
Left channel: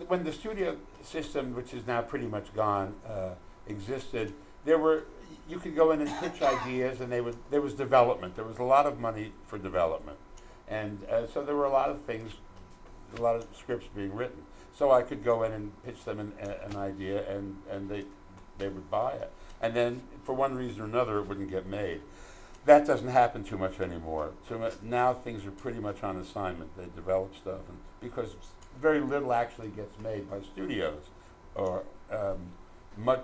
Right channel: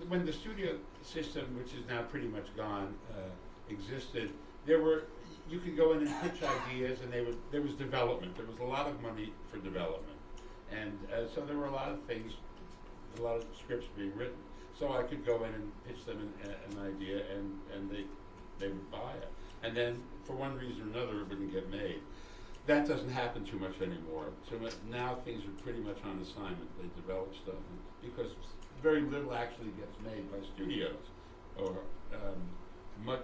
when the studio system, which is now pretty much gone, existed. You could go in and pitch ideas, and there was development. There was a lot of money for development, and so there were a lot of things, a lot of scripts being written. So I could go in and pitch them an idea, and they would buy it. And then, for one reason or another, it wouldn't get made. That doesn't happen too much anymore. Now things are pretty much on assignment. They develop stuff, because very little actually gets made by studios, or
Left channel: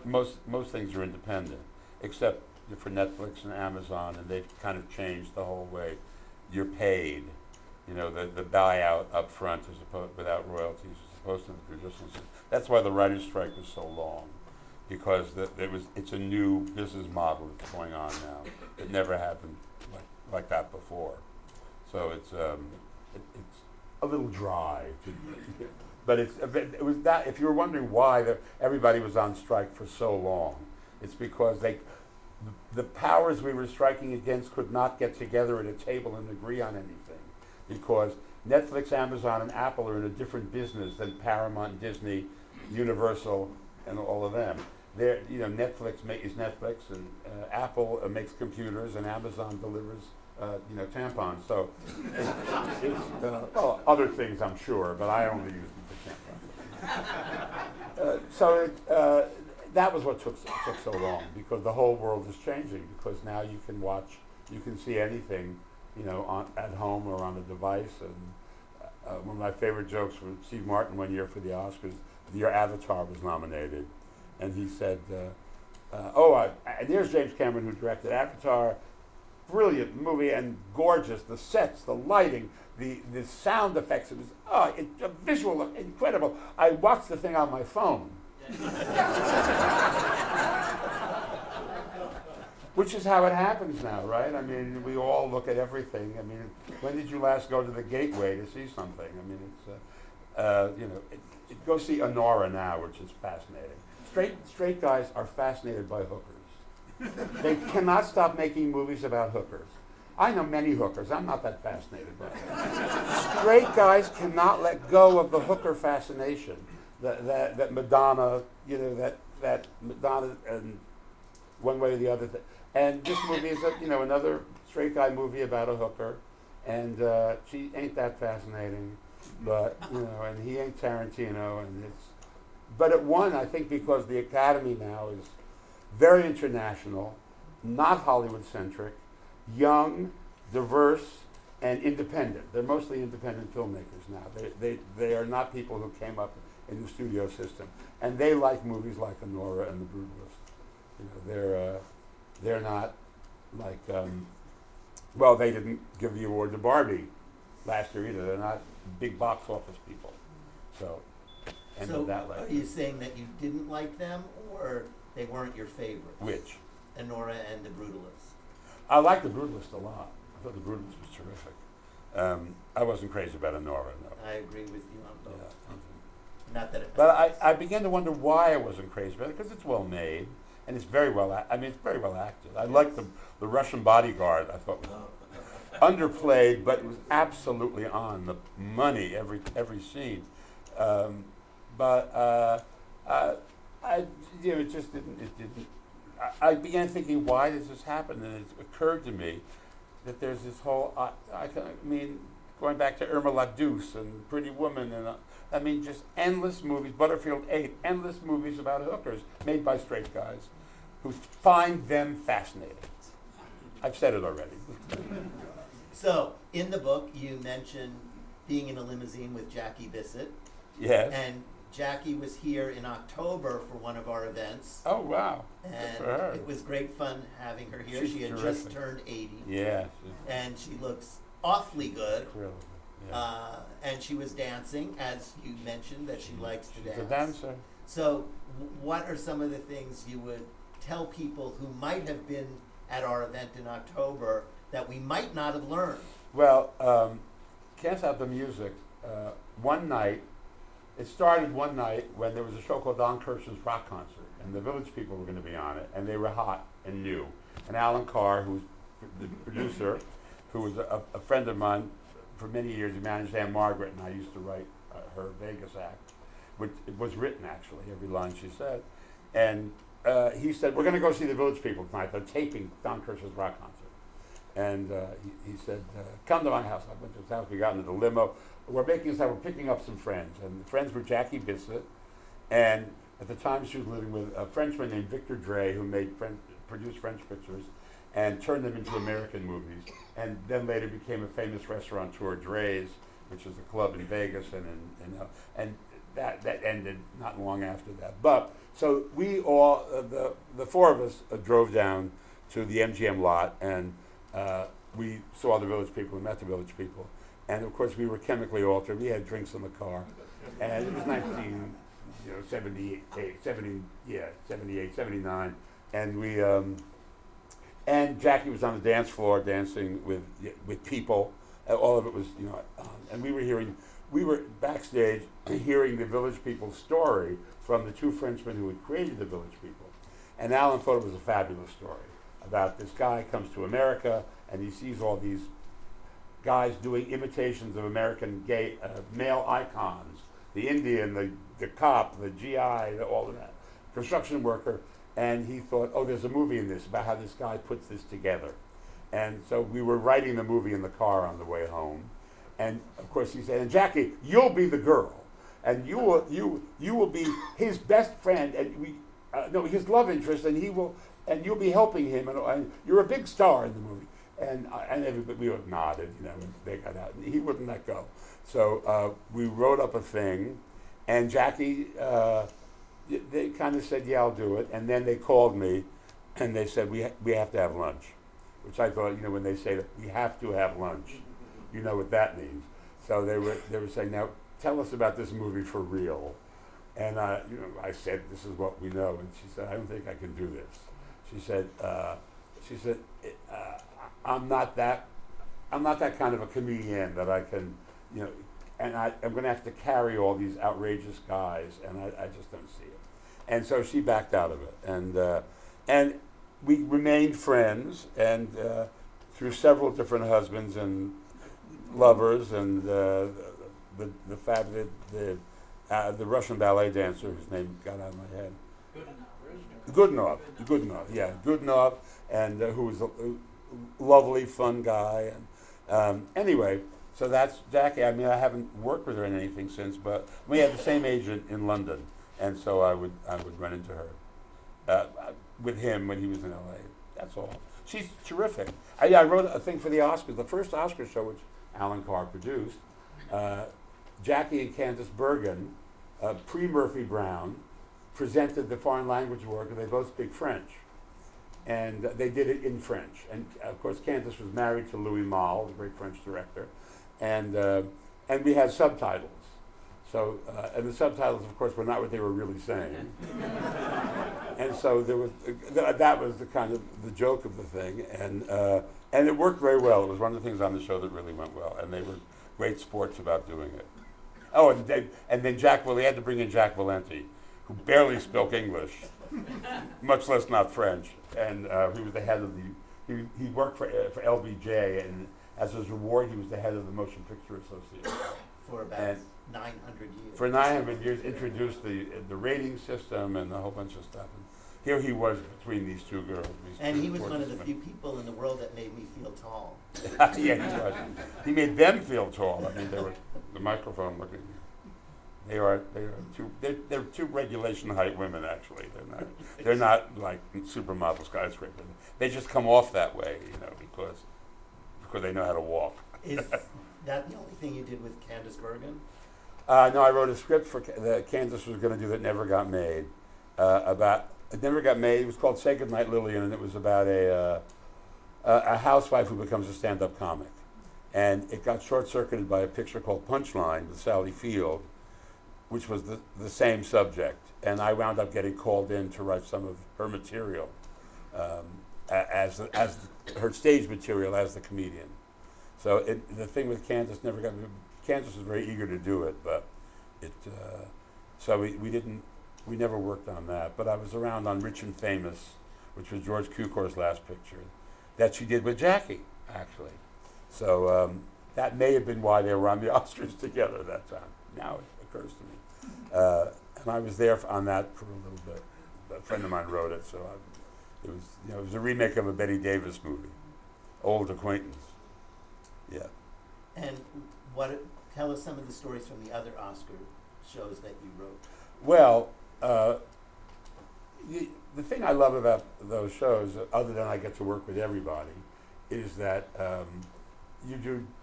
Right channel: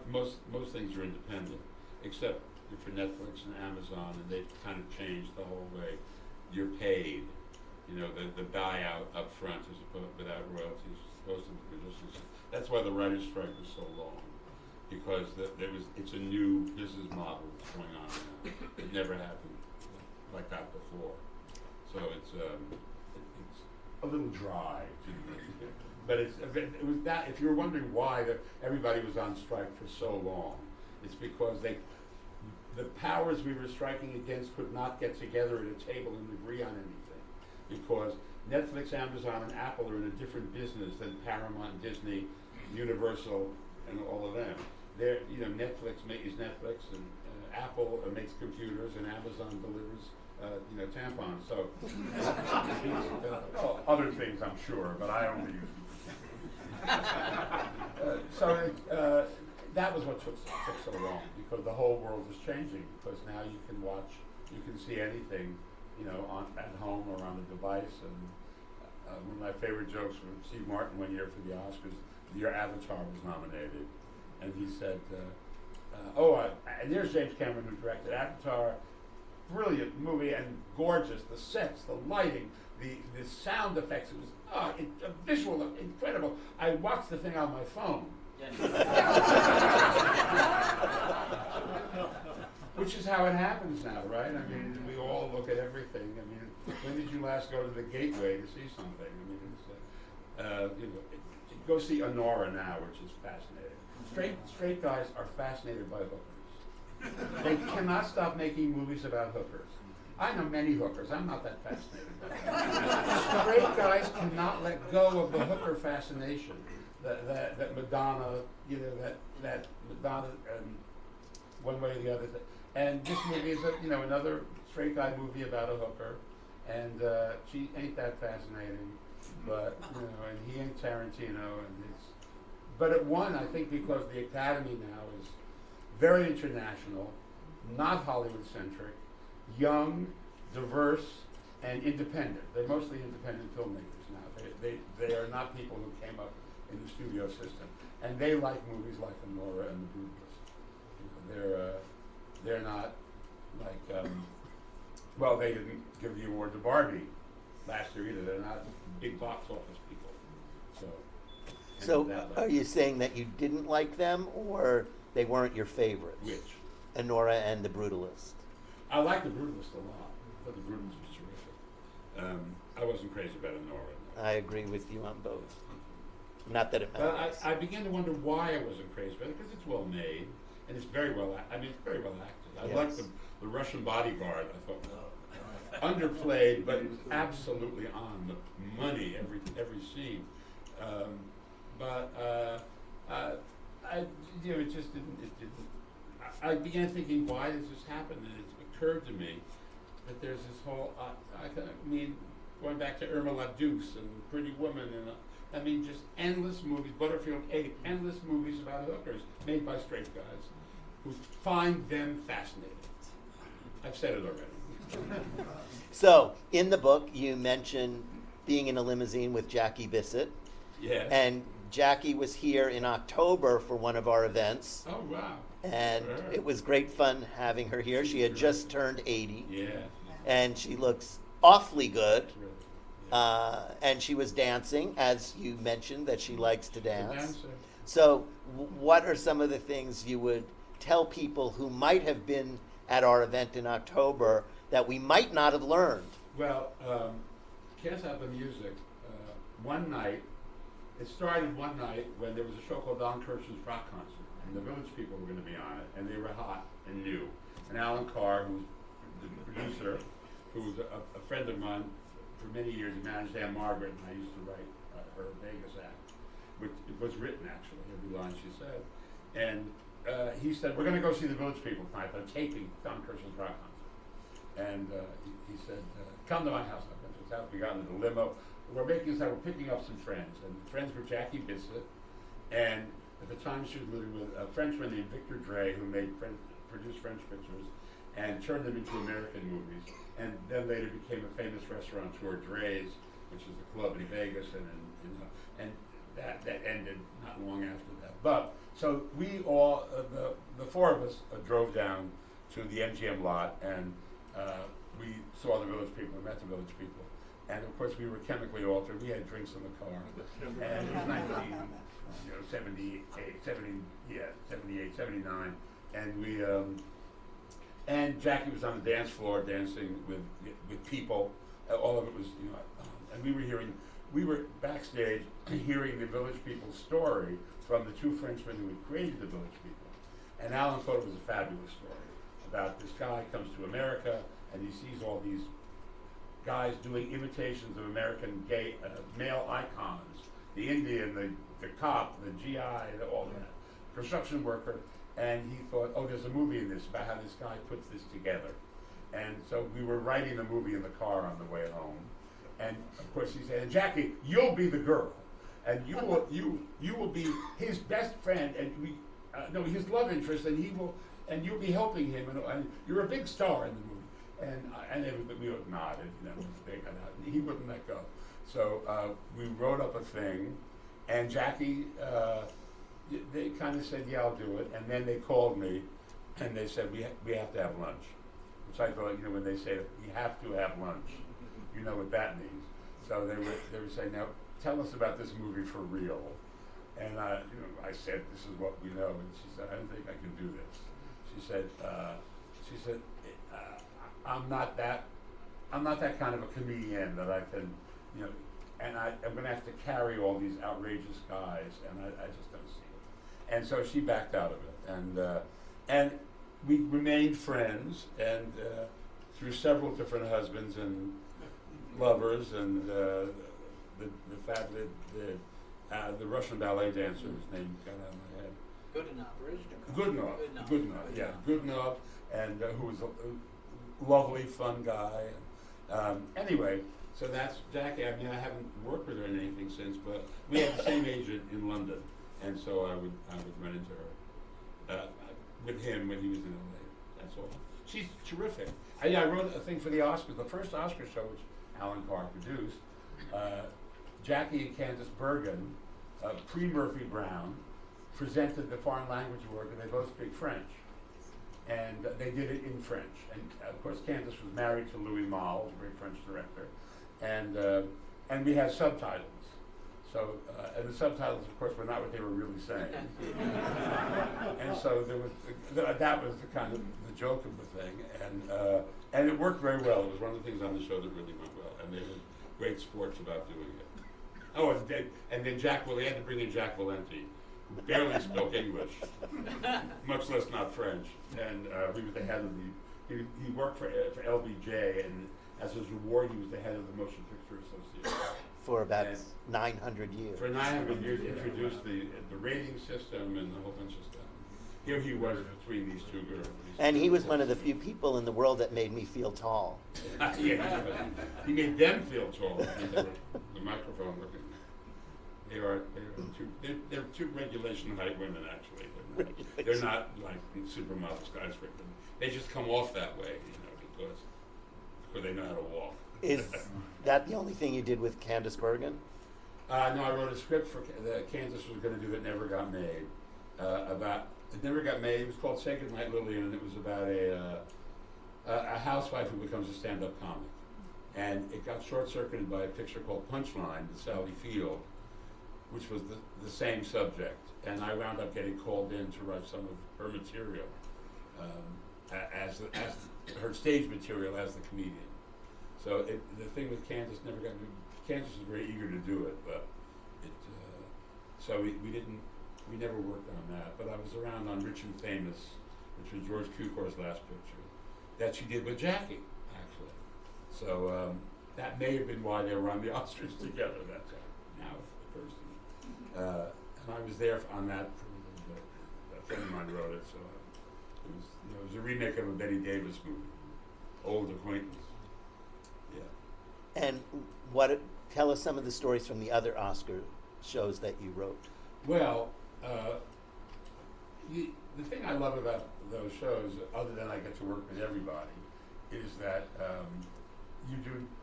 most things are independent, except for Netflix and Amazon, and they've kind of changed the whole way you're paid. You know, the buyout up front as opposed without royalties as opposed to resistance. That's why the writers' strike was so long, because it's a new business model that's going on now. It never happened like that before. So it's a little dry, but it was that. If you were wondering why everybody was on strike for so long, it's because the powers we were striking against could not get together at a table and agree on anything, because Netflix, Amazon, and Apple are in a different business than Paramount, Disney, Universal, and all of them. Netflix is Netflix, and Apple makes computers, and Amazon delivers, tampons. So, other things I'm sure, but I only use them for tampons. That was what took so long, because the whole world is changing. Because now you can see anything, at home or on a device. And one of my favorite jokes from Steve Martin one year for the Oscars, the year Avatar was nominated, and he said, and there's James Cameron, who directed Avatar, brilliant movie and gorgeous, the sets, the lighting, the sound effects. It was a visual, incredible. I watched the thing on my phone. Which is how it happens now, right? I mean, we all look at everything. I mean, when did you last go to the Gateway to see something? I mean, go see Honora now, which is fascinating. Straight guys are fascinated by hookers. They cannot stop making movies about hookers. I know many hookers. I'm not that fascinated by them. Straight guys cannot let go of the hooker fascination. That Madonna, that Madonna, and one way or the other. And this movie is another straight guy movie about a hooker, and she ain't that fascinating, but and he ain't Tarantino, but it won, I think, because the Academy now is very international, not Hollywood centric, young, diverse, and independent. They're mostly independent filmmakers now. They are not people who came up in the studio system, and they like movies like Honora and The Brutalist. They're not like they didn't give the award to Barbie last year either. They're not big box office people. So are you saying that you didn't like them, or they weren't your favorites? Which? Honora and The Brutalist. I like The Brutalist a lot. I thought The Brutalist was terrific. I wasn't crazy about Honora. No. I agree with you on both. Yeah. Not that it But matters. I began to wonder why I wasn't crazy about it, because it's well made, and it's very well it's very well acted. I liked the Russian bodyguard. I thought was underplayed, but it was absolutely on the money every scene. It just didn't. I began thinking, why does this happen? And it occurred to me that there's this whole. Going back to Irma La Douce and Pretty Woman, and just endless movies. Butterfield 8, endless movies about hookers made by straight guys who find them fascinating. I've said it already. So, in the book, you mentioned being in a limousine with Jackie Bissett. Yes. And Jackie was here in October for one of our events. Oh, wow. And Sure. it was great fun having her here. She's She had terrific. just turned 80. Yeah. And she looks awfully good. Really. Yeah. And she was dancing, as you mentioned, that she likes to dance. The dancer. So, what are some of the things you would tell people who might have been at our event in October that we might not have learned? Well, can't stop the music. One night, it started one night when there was a show called Don Kirshner's Rock Concert, and the Village People were going to be on it, and they were hot and new. And Alan Carr, who's the producer, who was a friend of mine for many years, he managed Anne Margaret, and I used to write her Vegas act, which it was written actually, every line she said. And he said, we're going to go see the Village People tonight. They're taping Don Kirshner's Rock Concert. and he said, "Come to my house." I went to his house. We got into the limo. We're picking up some friends, and the friends were Jackie Bissett, and at the time she was living with a Frenchman named Victor Dre, who produced French pictures, and turned them into American movies, and then later became a famous restaurateur, Dre's, which is a club in Vegas, and that ended not long after that. But so we all, the four of us, drove down to the MGM lot, and we saw the Village People, we met the Village People, and of course we were chemically altered. We had drinks in the car, and it was 78, 79, and we and Jackie was on the dance floor dancing with people. All of it was, and we were backstage hearing the Village People's story from the two Frenchmen who had created the Village People. And Alan thought it was a fabulous story about this guy comes to America and he sees all these guys doing imitations of American gay male icons, the Indian, the cop, the GI, all of that, construction worker. And he thought, oh, there's a movie in this about how this guy puts this together. And so we were writing the movie in the car on the way home. And of course he said, and Jackie, you'll be the girl. And you will be his best friend, and his love interest, and you'll be helping him, and you're a big star in the movie. And everybody, we all nodded, they got out. He wouldn't let go. So we wrote up a thing, and Jackie, they kind of said, yeah, I'll do it. And then they called me, and they said, we have to have lunch. Which I thought, when they say that we have to have lunch, you know what that means. So they were saying, now tell us about this movie for real. And I said, this is what we know. And she said, I don't think I can do this. She said, I'm not that kind of a comedian that I can, and I'm going to have to carry all these outrageous guys, and I just don't see it. And so she backed out of it, and we remained friends, and through several different husbands and lovers, and the Russian ballet dancer whose name got out of my head. Goodenough, and who was a lovely, fun guy. And anyway, so that's Jackie. I mean, I haven't worked with her in anything since, but we had the same agent in London, and so I would run into her with him when he was in LA. That's all. She's terrific. I wrote a thing for the Oscars, the first Oscar show, which Alan Carr produced. Jackie and Candice Bergen, pre-Murphy Brown, presented the foreign language work, and they both speak French. And they did it in French. And of course, Candice was married to Louis Malle, the great French director. And we had subtitles. So, and the subtitles, of course, were not what they were really saying. And so there was that was the kind of the joke of the thing, and it worked very well. It was one of the things on the show that really went well, and they were great sports about doing it. Oh, and then they had to bring in Jack Valenti, who barely spoke English, much less not French, and he was the head of he worked for LBJ, and as his reward, he was the head of the Motion Picture Association. For about 900 years. For 900 years, introduced the rating system and a whole bunch of stuff. Here he was between these two girls. And he was one of the few people in the world that made me feel tall. Yeah, he was. He made them feel tall. I mean, they were the microphone looking. They're two regulation height women, actually. They're not like supermodel skyscrapers. They just come off that way, because they know how to walk. Is that the only thing you did with Candice Bergen? No, I wrote a script that Candice was going to do that never got made. It never got made. It was called Say Goodnight, Lillian, and it was about a housewife who becomes a stand-up comic. And it got short-circuited by a picture called Punchline with Sally Field, which was the same subject. And I wound up getting called in to write some of her material as her stage material as the comedian. So the thing with Candice never got. Candice was very eager to do it, but so we never worked on that. But I was around on Rich and Famous, which was George Cukor's last picture, that she did with Jackie, actually. So that may have been why they were on the Oscars together that time. Now it occurs to me. And I was there on that for a little bit. A friend of mine wrote it, so it was a remake of a Betty Davis movie. old acquaintance. Yeah. And tell us some of the stories from the other Oscar shows that you wrote. Well, the thing I love about those shows, other than I get to work with everybody, is that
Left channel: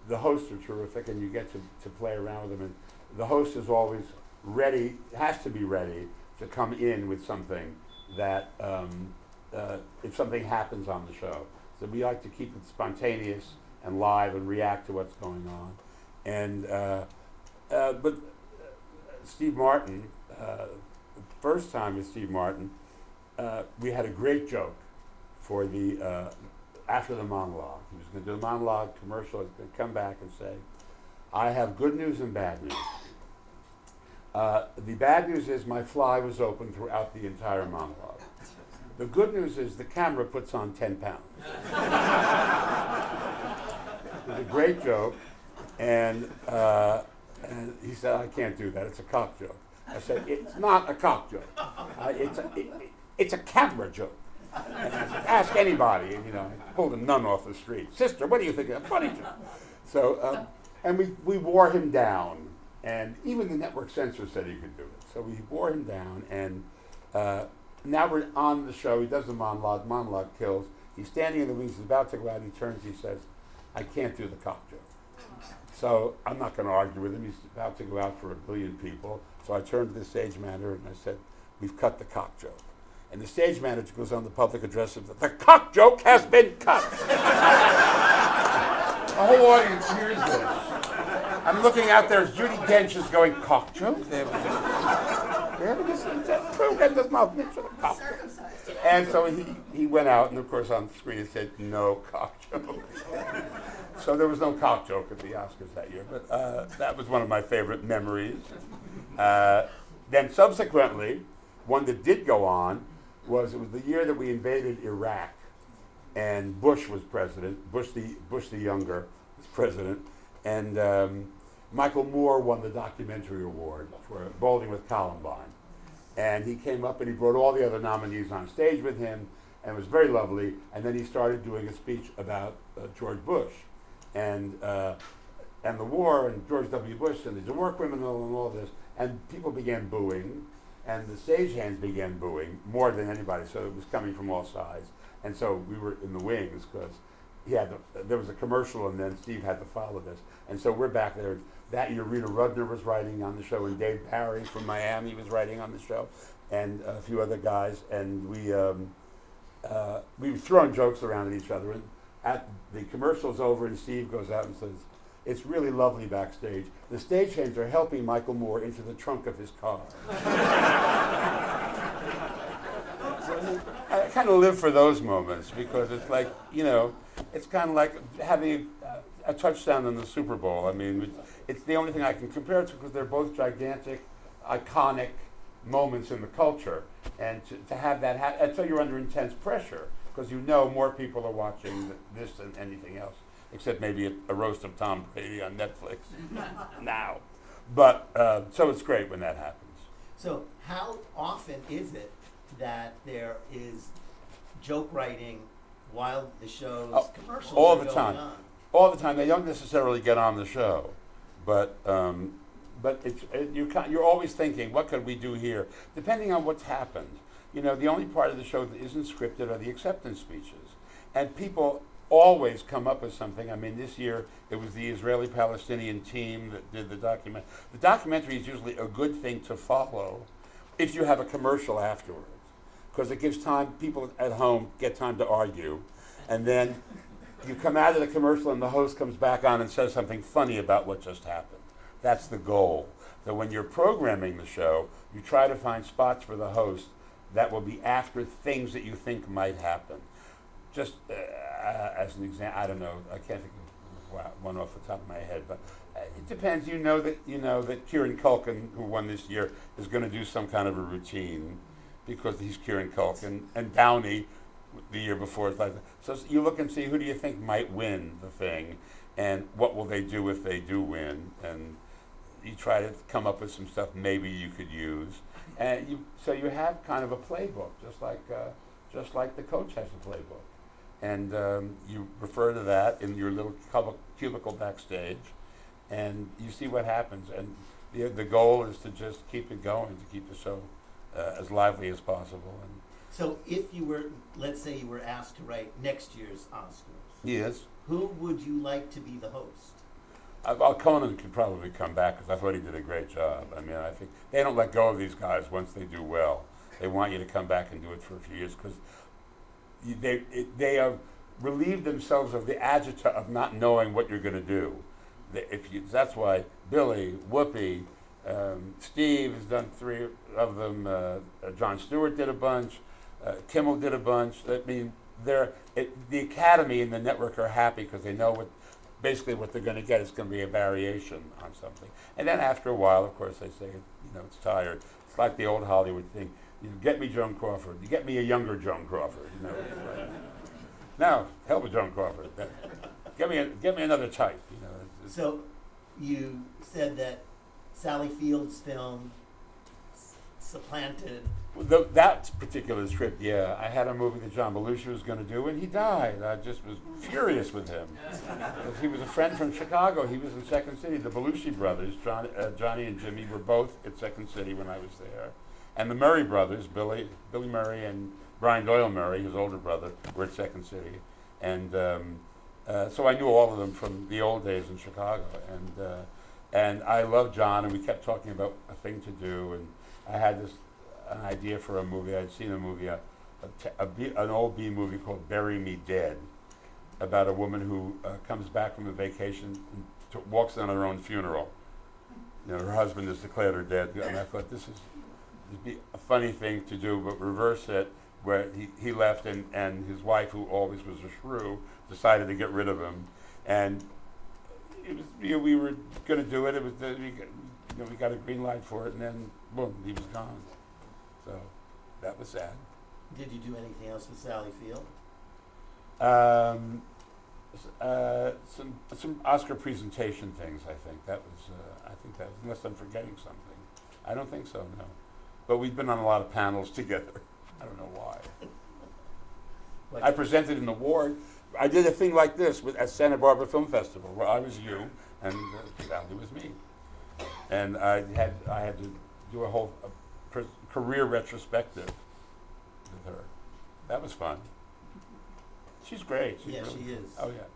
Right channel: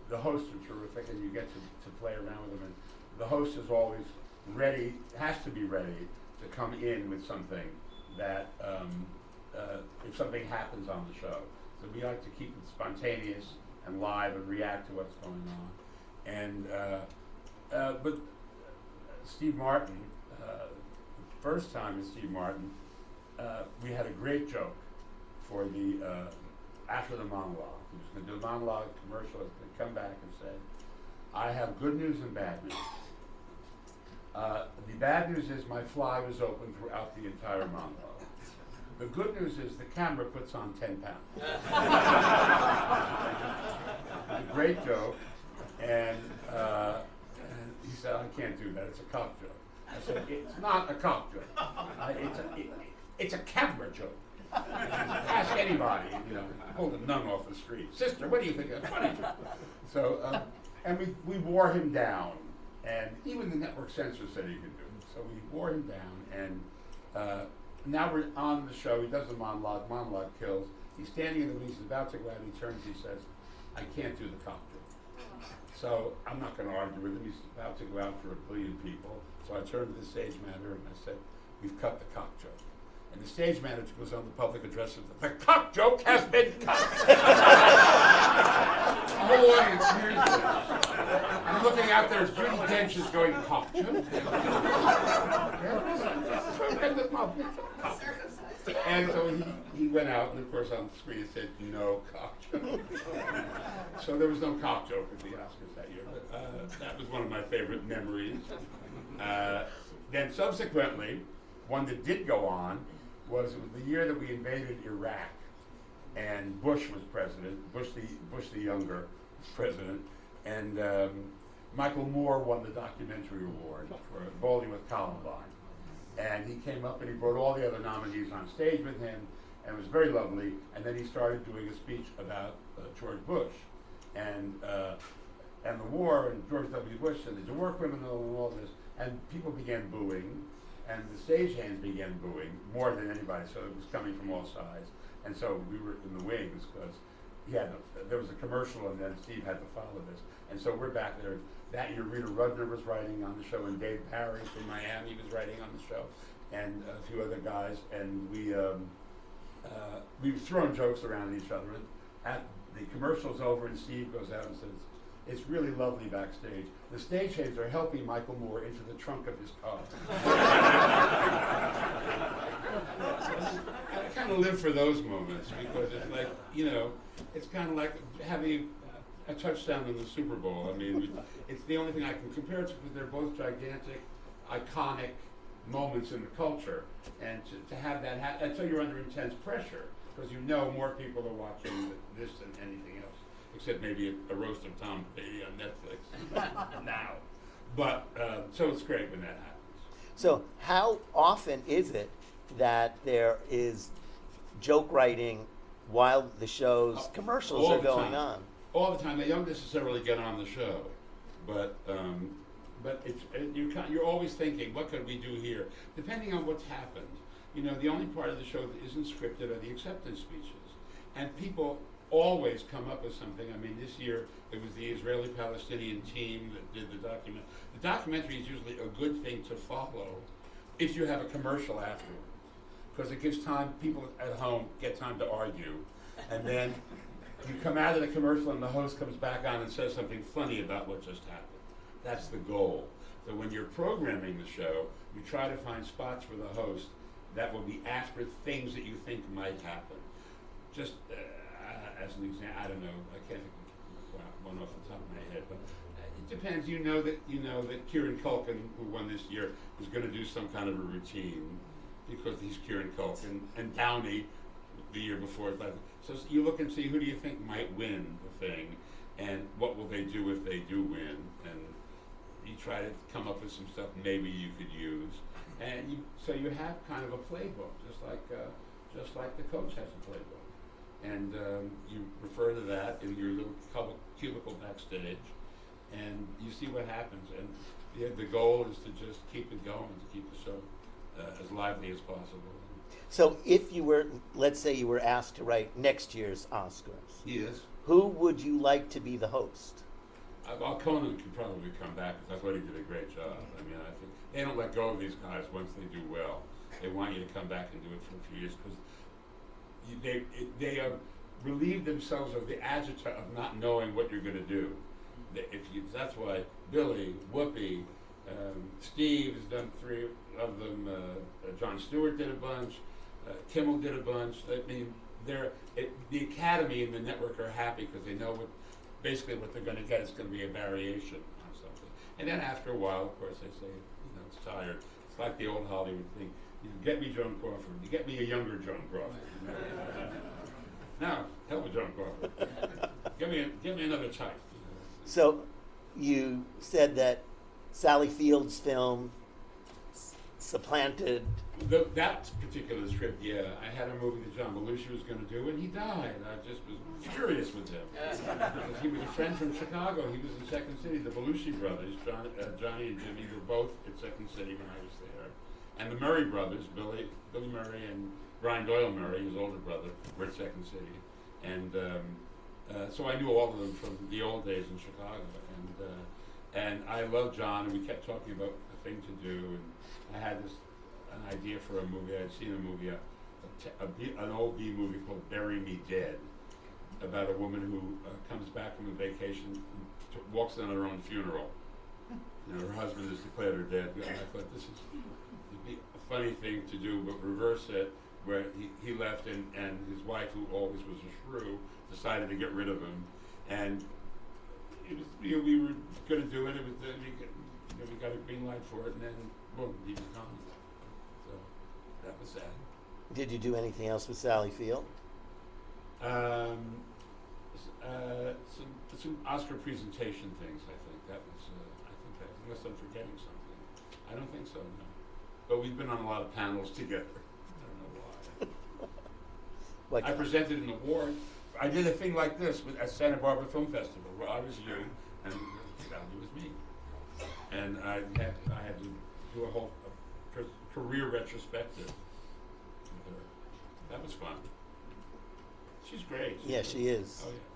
the hosts are terrific, and you get to play around with them. And the host is always ready, has to be ready to come in with something that if something happens on the show. So we like to keep it spontaneous and live and react to what's going on. And but Steve Martin, the first time with Steve Martin, we had a great joke for the after the monologue. He was going to do the monologue commercial. He was going to come back and say, "I have good news and bad news. The bad news is my fly was open throughout the entire monologue. The good news is the camera puts on 10 pounds." A great joke, and he said, "I can't do that. It's a cock joke." I said, "It's not a cock joke. It's a camera joke. Ask anybody." You know, pulled a nun off the street. "Sister, what do you think of that funny joke?" So, and we wore him down, and even the network censor said he could do it. So we wore him down, and now we're on the show. He does the monologue. Monologue kills. He's standing in the wings. He's about to go out. He turns. He says, "I can't do the cock joke." So I'm not going to argue with him. He's about to go out for 1 billion people. So I turned to the stage manager and I said, "We've cut the cock joke." And the stage manager goes on the public address and says, "The cock joke has been cut." The whole audience hears this. I'm looking out there as Judi Dench is going, "Cock joke?" And so he went out, and of course on the screen it said, "No cock joke." So there was no cock joke at the Oscars that year, but that was one of my favorite memories. Then subsequently, one that did go on it was the year that we invaded Iraq, and Bush was president. Bush the younger was president, and Michael Moore won the documentary award for Bowling with Columbine. And he came up and he brought all the other nominees on stage with him, and it was very lovely. And then he started doing a speech about George Bush and the war and George W. Bush and the war criminal and all this. And people began booing, and the stagehands began booing more than anybody. So it was coming from all sides. And so we were in the wings because there was a commercial, and then Steve had to follow this. And so we're back there. That year, Rita Rudner was writing on the show, and Dave Parry from Miami was writing on the show, and a few other guys. And we were throwing jokes around at each other. And at the commercial's over, and Steve goes out and says, "It's really lovely backstage. The stagehands are helping Michael Moore into the trunk of his car." I kind of live for those moments because it's like, it's kind of like having a touchdown in the Super Bowl. I mean, it's the only thing I can compare it to because they're both gigantic, iconic moments in the culture. And to have that happen, and so you're under intense pressure because more people are watching this than anything else, except maybe a roast of Tom Brady on Netflix now. But, so it's great when that happens. So how often is it that there is joke writing while the show's commercials all are the going time. on? All the time. They don't necessarily get on the show, but you're always thinking, what could we do here? Depending on what's happened. The only part of the show that isn't scripted are the acceptance speeches, and people always come up with something. I mean, this year it was the Israeli-Palestinian team that did the document. The documentary is usually a good thing to follow if you have a commercial afterwards, because it gives time, people at home get time to argue, and then you come out of the commercial and the host comes back on and says something funny about what just happened. That's the goal. So when you're programming the show, you try to find spots for the host that will be after things that you think might happen. Just as an example, I don't know, I can't think of one off the top of my head, but it depends. You know that Kieran Culkin, who won this year, is going to do some kind of a routine because he's Kieran Culkin, and Downey the year before is like. So you look and see who do you think might win the thing, and what will they do if they do win, and you try to come up with some stuff maybe you could use, and so you have kind of a playbook, just like the coach has a playbook. and you refer to that in your little cubicle backstage, and you see what happens. And the goal is to just keep it going, to keep the show as lively as possible. And So if you were, let's say you were asked to write next year's Oscars, yes, who would you like to be the host? Conan could probably come back because I thought he did a great job. I mean, I think they don't let go of these guys once they do well. They want you to come back and do it for a few years because they have relieved themselves of the agita of not knowing what you're going to do. That's why Billy, Whoopi, Steve has done 3 of them. Jon Stewart did a bunch. Kimmel did a bunch. I mean, the Academy and the network are happy because they know basically what they're going to get is going to be a variation on something. And then after a while, of course, they say, it's tired. It's like the old Hollywood thing. You get me Joan Crawford. You get me a younger Joan Crawford. Now, hell with Joan Crawford. Get me another type. So you said that Sally Field's film supplanted. That particular script, yeah. I had a movie that John Belushi was going to do, and he died. I just was furious with him. He was a friend from Chicago. He was in Second City. The Belushi brothers, Johnny and Jimmy, were both at Second City when I was there. And the Murray brothers, Billy Murray and Brian Doyle Murray, his older brother, were at Second City. And so I knew all of them from the old days in Chicago. And I loved John, and we kept talking about a thing to do. And I had an idea for a movie. I'd seen a movie, an old B movie called Bury Me Dead, about a woman who comes back from a vacation and walks on her own funeral. Her husband has declared her dead. And I thought, this would be a funny thing to do, but reverse it, where he left and his wife, who always was a shrew, decided to get rid of him. And it was, we were going to do it. It was we got a green light for it, and then boom, he was gone. So that was sad. Did you do anything else with Sally Field? Some Oscar presentation things. I think that was unless I'm forgetting something. I don't think so. No, but we've been on a lot of panels together. I don't know why. I presented an award. I did a thing like this at Santa Barbara Film Festival, where I was you and Sally was me, and I had to do a whole career retrospective with her. That was fun. She's great. She is. Oh yeah,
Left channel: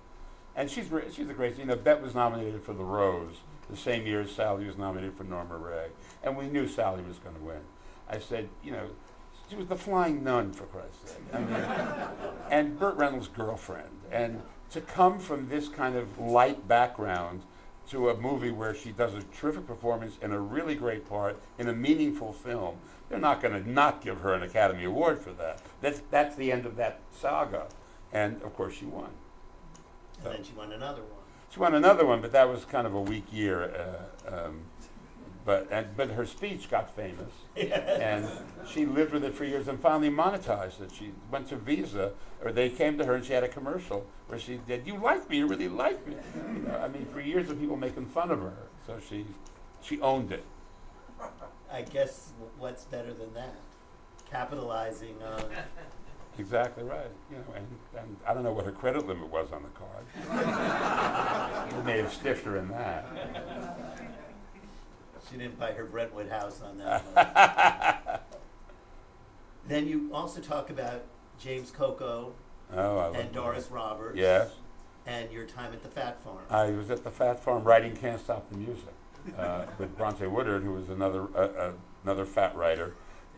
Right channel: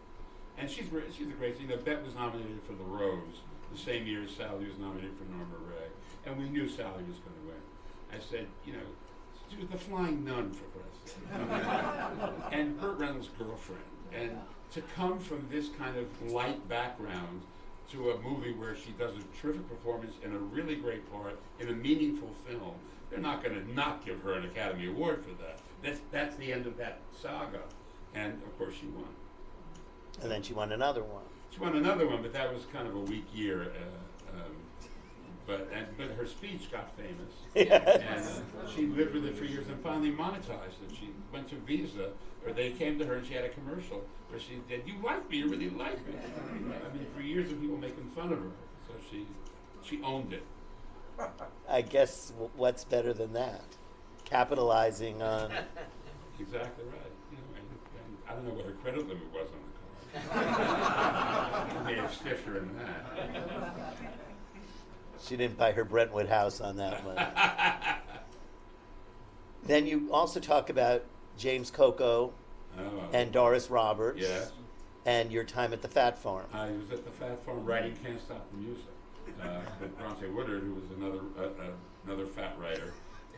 and she's a great. Bet was nominated for the Rose the same year as Sally was nominated for Norma Ray, and we knew Sally was going to win. I said, she was the flying nun, for Christ's sake. I mean, and Burt Reynolds' girlfriend. And to come from this kind of light background to a movie where she does a terrific performance in a really great part in a meaningful film, they're not going to not give her an Academy Award for that. That's the end of that saga. And, of course, she won. And then she won another one. She won another one, but that was kind of a weak year. But her speech got famous, and she lived with it for years and finally monetized it. She went to Visa, or they came to her and she had a commercial where she said, "You like me, you really like me." I mean, for years of people making fun of her, so she owned it. I guess what's better than that? Capitalizing on. Exactly right. And I don't know what her credit limit was on the card. They may have stiffed her in that. She didn't buy her Brentwood house on that one. Then you also talk about James Coco and Doris Roberts. Yes. And your time at the Fat Farm. I was at the Fat Farm writing Can't Stop the Music with Bronte Woodard, who was another fat writer.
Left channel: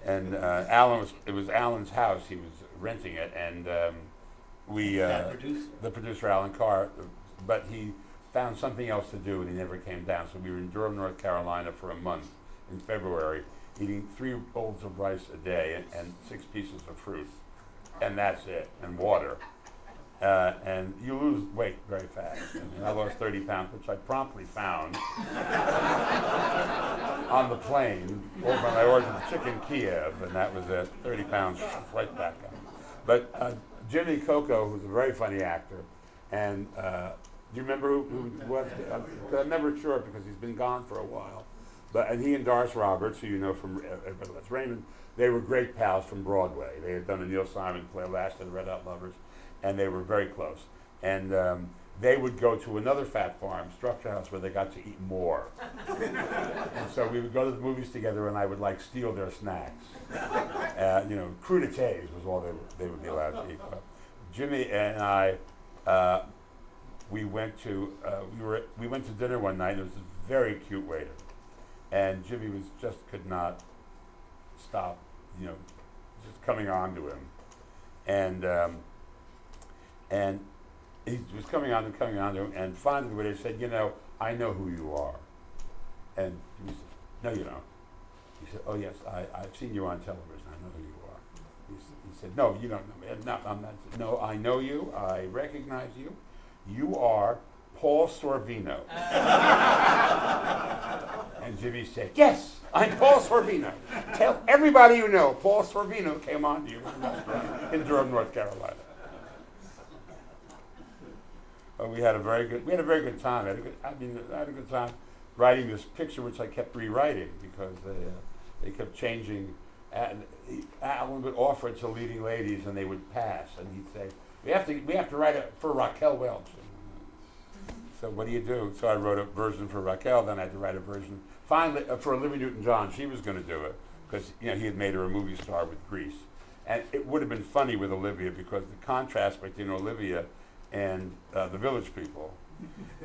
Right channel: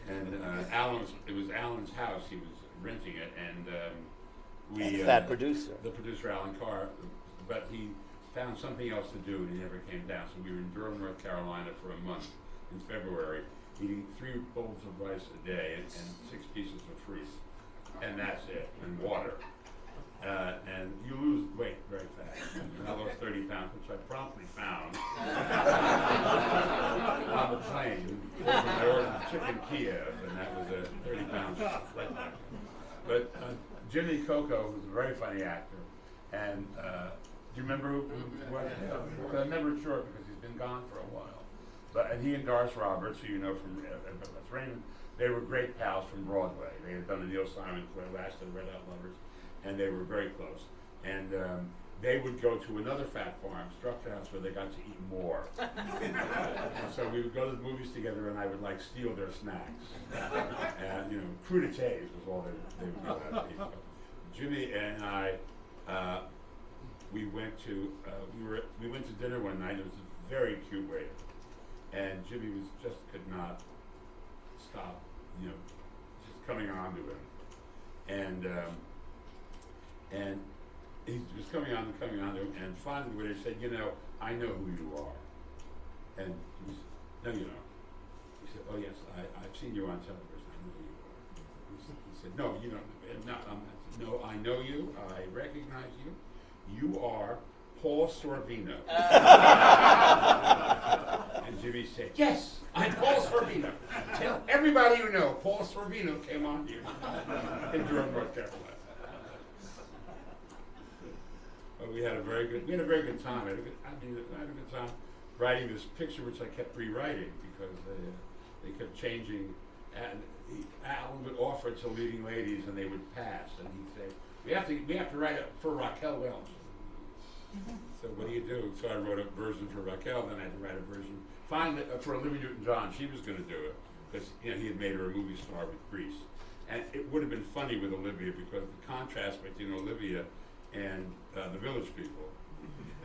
And it was Alan's house. He was renting it, and Fat producer. The producer, Alan Carr, but he found something else to do and he never came down. So we were in Durham, North Carolina for a month in February, eating 3 bowls of rice a day and 6 pieces of fruit. And that's it, and water. And you lose weight very fast. I lost 30 pounds, which I promptly found on the plane. I ordered chicken Kiev, and that was 30 pounds right back up. But Jimmy Coco, who's a very funny actor, and do you remember who was? I'm never sure because he's been gone for a while. And he and Doris Roberts, who you know from Everybody Loves Raymond, they were great pals from Broadway. They had done a Neil Simon play last and Red Hot Lovers. and they were very close. And they would go to another fat farm, Structure House, where they got to eat more. And so we would go to the movies together, and I would like steal their snacks. Crudités was all they would be allowed to eat. But Jimmy and I, we went to dinner one night. There was a very cute waiter, and Jimmy could not stop, just coming on to him, and he was coming on to him, and finally the waiter said, I know who you are, and he said, no, you don't. He said, oh yes, I've seen you on television. I know who you are. He said, no, you don't know me. No, I know you. I recognize you. You are Paul Sorvino. And Jimmy said, yes, I'm Paul Sorvino. Tell everybody you know, Paul Sorvino came on to you in Durham, North Carolina. We had a very good time. I had a good time writing this picture, which I kept rewriting because they kept changing. And Alan would offer it to leading ladies, and they would pass. And he'd say, "We have to write it for Raquel Welch." So what do you do? So I wrote a version for Raquel. Then I had to write a version finally for Olivia Newton-John. She was going to do it because he had made her a movie star with Grease, and it would have been funny with Olivia because the contrast between Olivia and the Village People,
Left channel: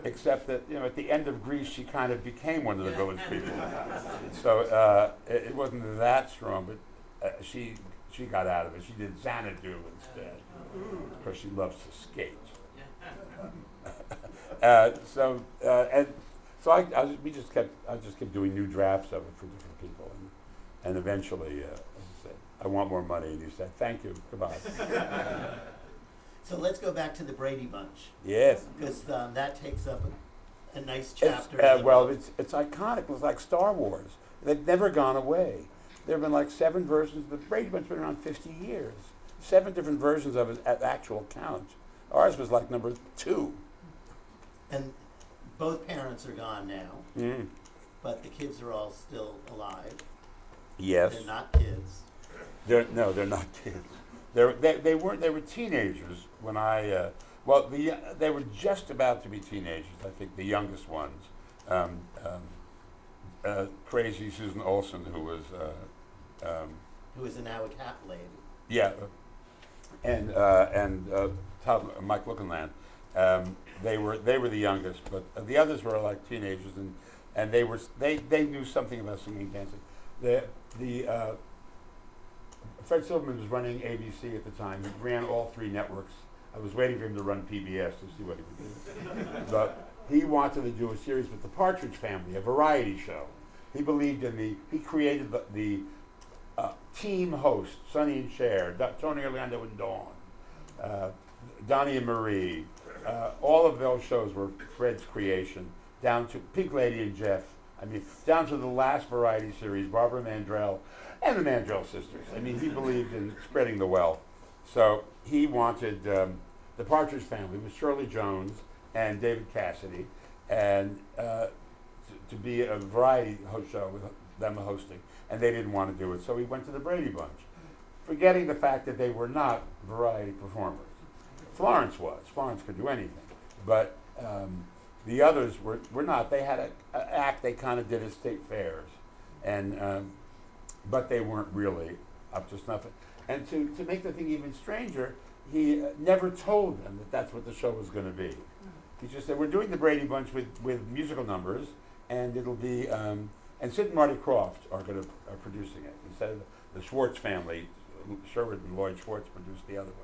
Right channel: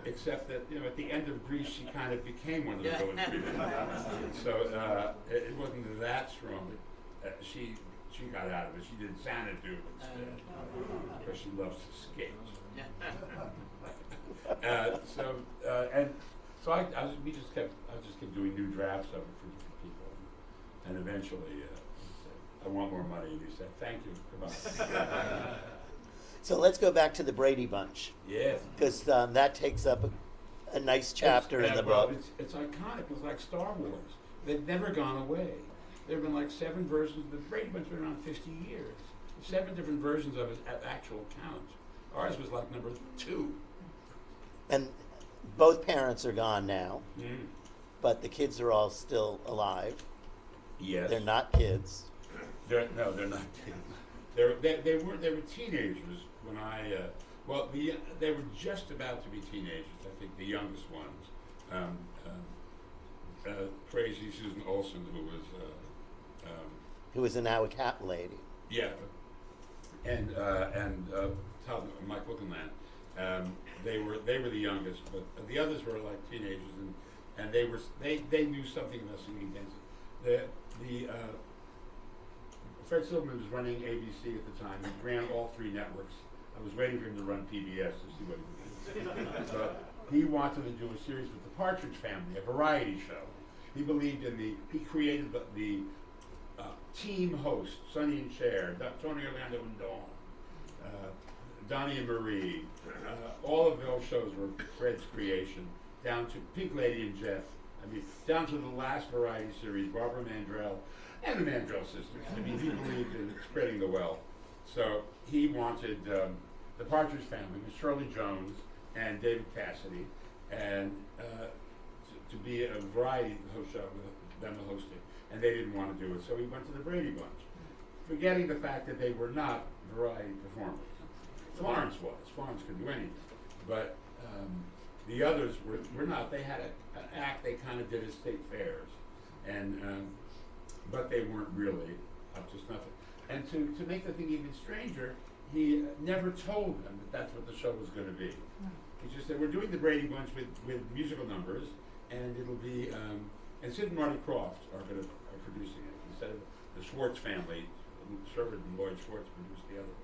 except that at the end of Grease she kind of became one of the Village People. So it wasn't that strong, but she got out of it. She did Xanadu instead because she loves to skate. We just kept doing new drafts of it for different people, and eventually I said, I want more money, and he said, thank you, goodbye. So let's go back to the Brady Bunch. Yes. Because that takes up a nice chapter in the book. It's iconic. It's like Star Wars. They've never gone away. There have been like 7 versions. The Brady Bunch has been around 50 years. 7 different versions of it at actual count. Ours was like number 2. And both parents are gone now, but the kids are all still alive. Yes. They're not kids. They're not kids. They were teenagers when they were just about to be teenagers. I think the youngest ones, crazy Susan Olsen, who was now a cat lady. Yeah, and Mike Lookenland. They were the youngest, but the others were like teenagers, and they knew something about singing and dancing. Fred Silverman was running ABC at the time. He ran all 3 networks. I was waiting for him to run PBS to see what he could do. But he wanted to do a series with the Partridge Family, a variety show. He believed in he created the team hosts, Sonny and Cher, Tony Orlando and Dawn, Donnie and Marie. All of those shows were Fred's creation, down to Pink Lady and Jeff. Down to the last variety series, Barbara Mandrell and the Mandrell sisters. He believed in spreading the wealth. So he wanted the Partridge Family with Shirley Jones and David Cassidy, and to be a variety show with them hosting. And they didn't want to do it, so he went to the Brady Bunch, forgetting the fact that they were not variety performers. Florence was. Florence could do anything. But the others were not. They had an act they kind of did at state fairs, and but they weren't really up to snuff. And to make the thing even stranger, he never told them that that's what the show was going to be. He just said, we're doing the Brady Bunch with musical numbers, and it'll be, and Sid and Marty Krofft are producing it. Instead of the Schwartz family, Sherwood and Lloyd Schwartz produced the other ones.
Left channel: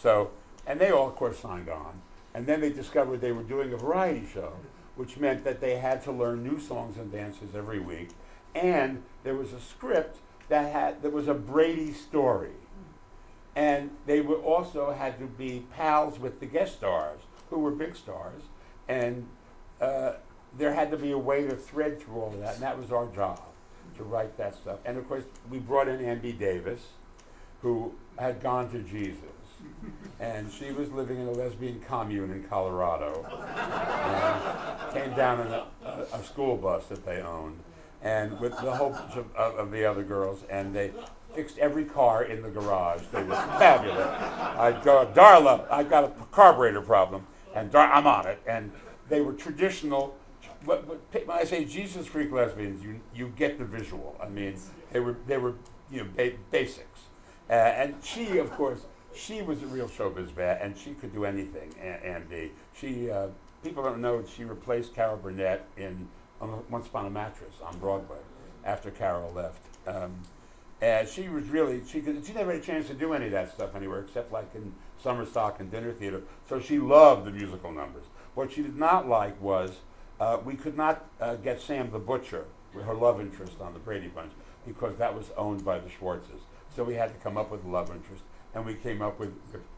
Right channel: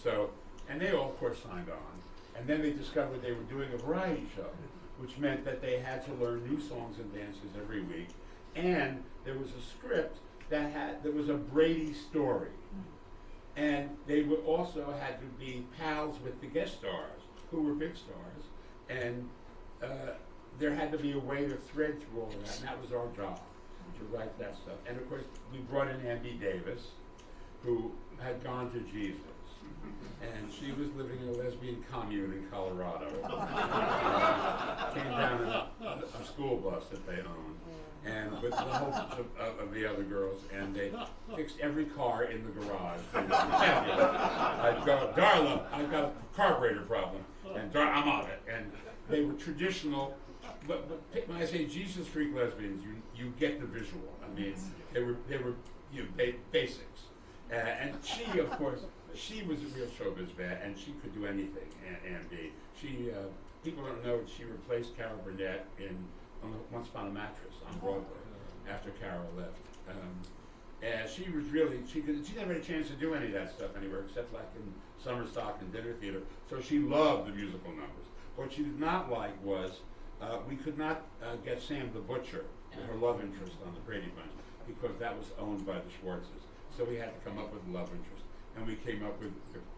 So, and they all, of course, signed on. And then they discovered they were doing a variety show, which meant that they had to learn new songs and dances every week. And there was a script that was a Brady story. And they also had to be pals with the guest stars, who were big stars. And there had to be a way to thread through all of that, and that was our job, to write that stuff. And of course, we brought in Andy Davis, who had gone to Jesus. And she was living in a lesbian commune in Colorado. Came down in a school bus that they owned. and with the whole bunch of the other girls, and they fixed every car in the garage. They were fabulous. I'd go, Darla, I've got a carburetor problem, and I'm on it. And they were traditional. But when I say Jesus freak lesbians, you get the visual. I mean, they were basics. And she, of course, she was a real showbiz bat, and she could do anything. Andy, she people don't know she replaced Carol Burnett on Once Upon a Mattress on Broadway after Carol left. And she was really she never had a chance to do any of that stuff anywhere except like in summer stock and dinner theater. So she loved the musical numbers. What she did not like was we could not get Sam the Butcher, her love interest on the Brady Bunch, because that was owned by the Schwartzes. So we had to come up with a love interest, and we came up with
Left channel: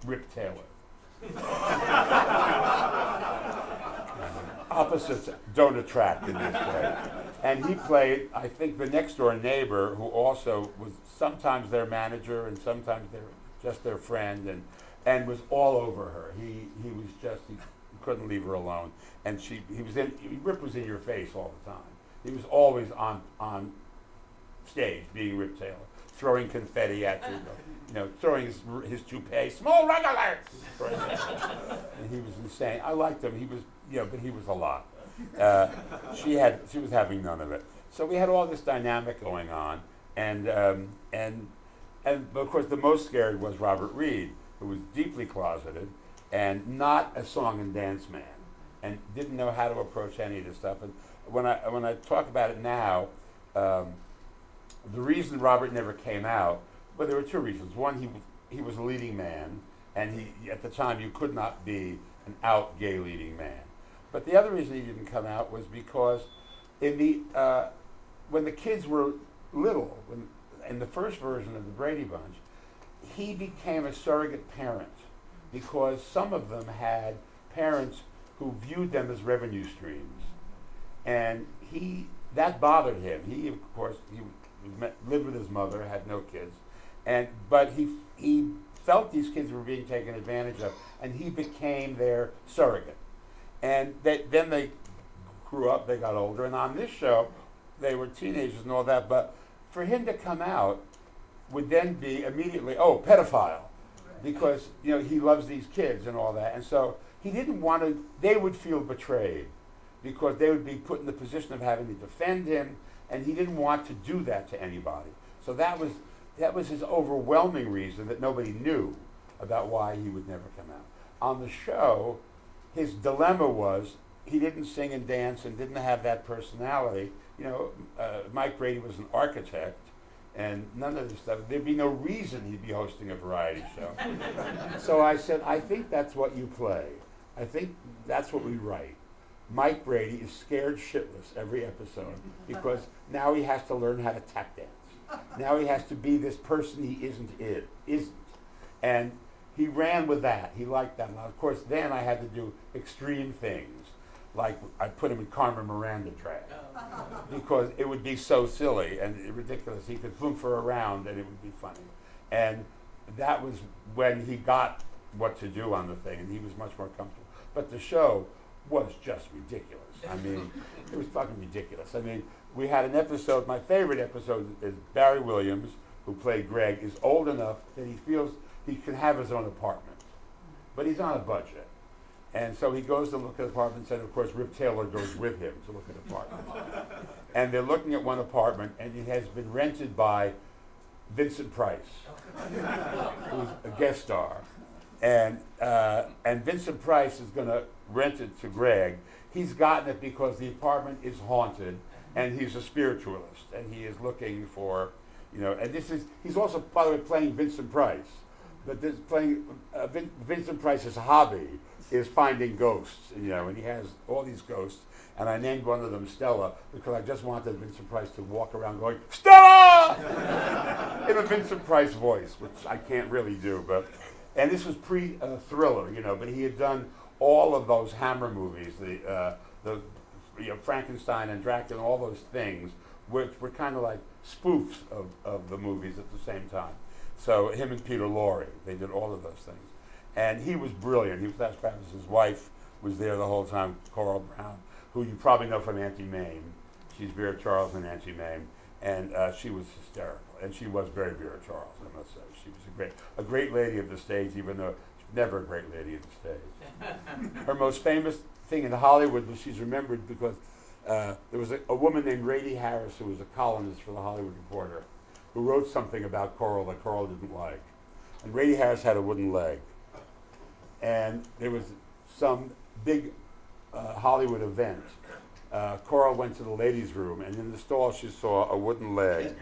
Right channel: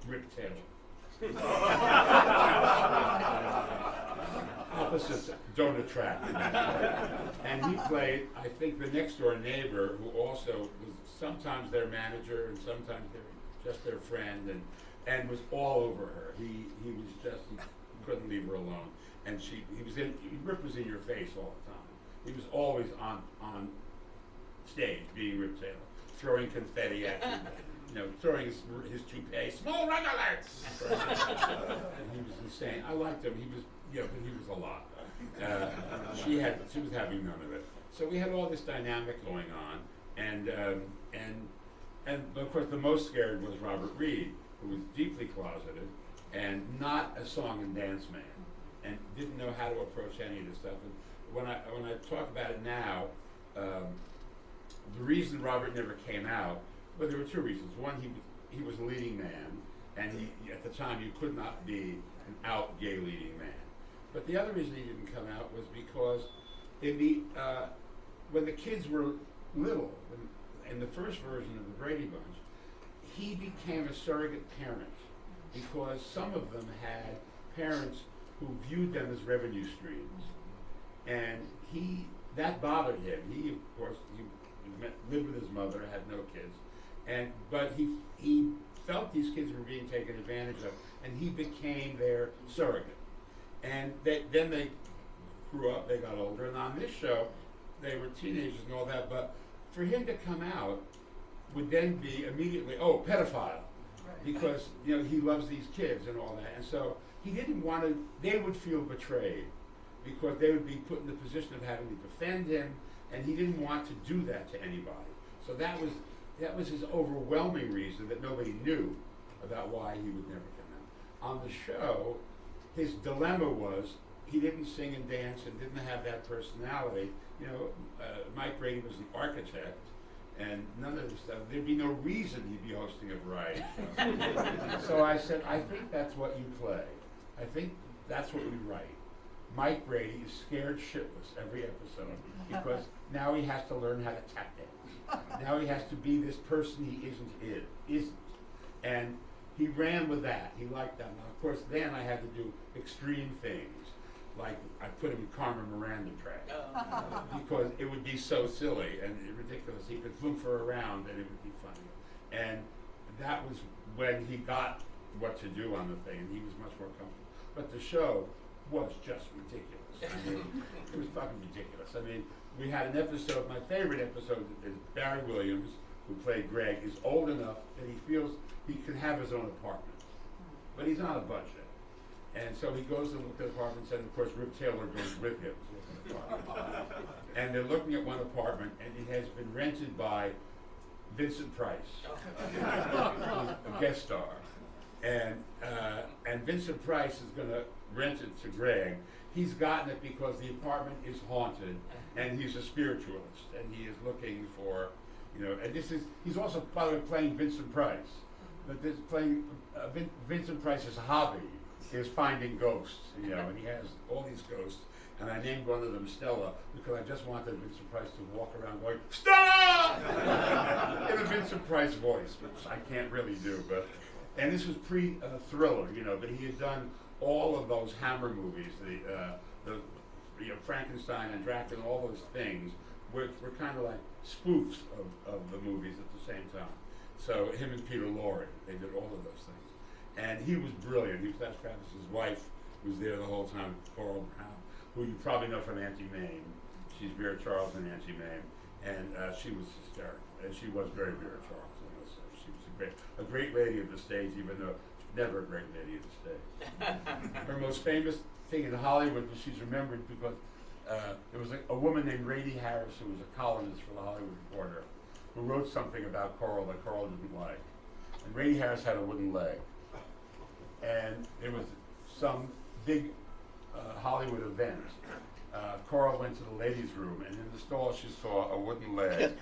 Rip Taylor. Opposites don't attract in this play. And he played, I think, the next door neighbor, who also was sometimes their manager and sometimes just their friend, and was all over her. He was just, he couldn't leave her alone. And Rip was in your face all the time. He was always on stage being Rip Taylor, throwing confetti at you, throwing his toupee, small regulars. And he was insane. I liked him. He was, but he was a lot. She was having none of it. So we had all this dynamic going on, and of course the most scared was Robert Reed, who was deeply closeted and not a song and dance man, and didn't know how to approach any of this stuff. And when I talk about it now, the reason Robert never came out, well, there were two reasons. One, he was a leading man, and at the time you could not be an out gay leading man. But the other reason he didn't come out was because when the kids were little, in the first version of the Brady Bunch, he became a surrogate parent because some of them had parents who viewed them as revenue streams, and that bothered him. He, of course, lived with his mother, had no kids, but he felt these kids were being taken advantage of, and he became their surrogate. And then they grew up, they got older, and on this show, they were teenagers and all that, but for him to come out would then be immediately, pedophile, because, he loves these kids and all that. And so he didn't want to, they would feel betrayed, because they would be put in the position of having to defend him, and he didn't want to do that to anybody. So that was his overwhelming reason that nobody knew about why he would never come out. On the show, his dilemma was he didn't sing and dance and didn't have that personality. Mike Brady was an architect, and none of this stuff. There'd be no reason he'd be hosting a variety show. So I said, I think that's what you play. I think that's what we write. Mike Brady is scared shitless every episode because now he has to learn how to tap dance. Now he has to be this person he isn't. And he ran with that. He liked that. Now, of course, then I had to do extreme things. Like I put him in Carmen Miranda track because it would be so silly and ridiculous. He could flunkfer around and it would be funny. And that was when he got what to do on the thing, and he was much more comfortable. But the show was just ridiculous. I mean, it was fucking ridiculous. I mean, we had an episode, my favorite episode is Barry Williams, who played Greg, is old enough that he feels he can have his own apartment. But he's on a budget. And so he goes to look at apartments, and of course Rip Taylor goes with him to look at apartments. And they're looking at one apartment, and it has been rented by Vincent Price, who's a guest star. And Vincent Price is going to rent it to Greg. He's gotten it because the apartment is haunted, and he's a spiritualist, and he is looking for, and he's also, by the way, playing Vincent Price. But this playing Vincent Price's hobby is finding ghosts, and he has all these ghosts. And I named one of them Stella because I just wanted Vincent Price to walk around going, Stella! In a Vincent Price voice, which I can't really do. And this was pre-Thriller, but he had done all of those Hammer movies, the Frankenstein and Dracula, all those things, which were kind of like spoofs of the movies at the same time. So him and Peter Lorre, they did all of those things. And he was brilliant. He was Les Travis's wife, was there the whole time, Coral Brown, who you probably know from Auntie Mame. she's Vera Charles and Nancy Mame, and she was hysterical, and she was very Vera Charles, I must say. She was a great lady of the stage, even though she's never a great lady of the stage. Her most famous thing in Hollywood was she's remembered because there was a woman named Rady Harris who was a columnist for the Hollywood Reporter who wrote something about Coral that Coral didn't like. And Rady Harris had a wooden leg. And there was some big Hollywood event. Coral went to the ladies' room, and in the stall she saw a wooden leg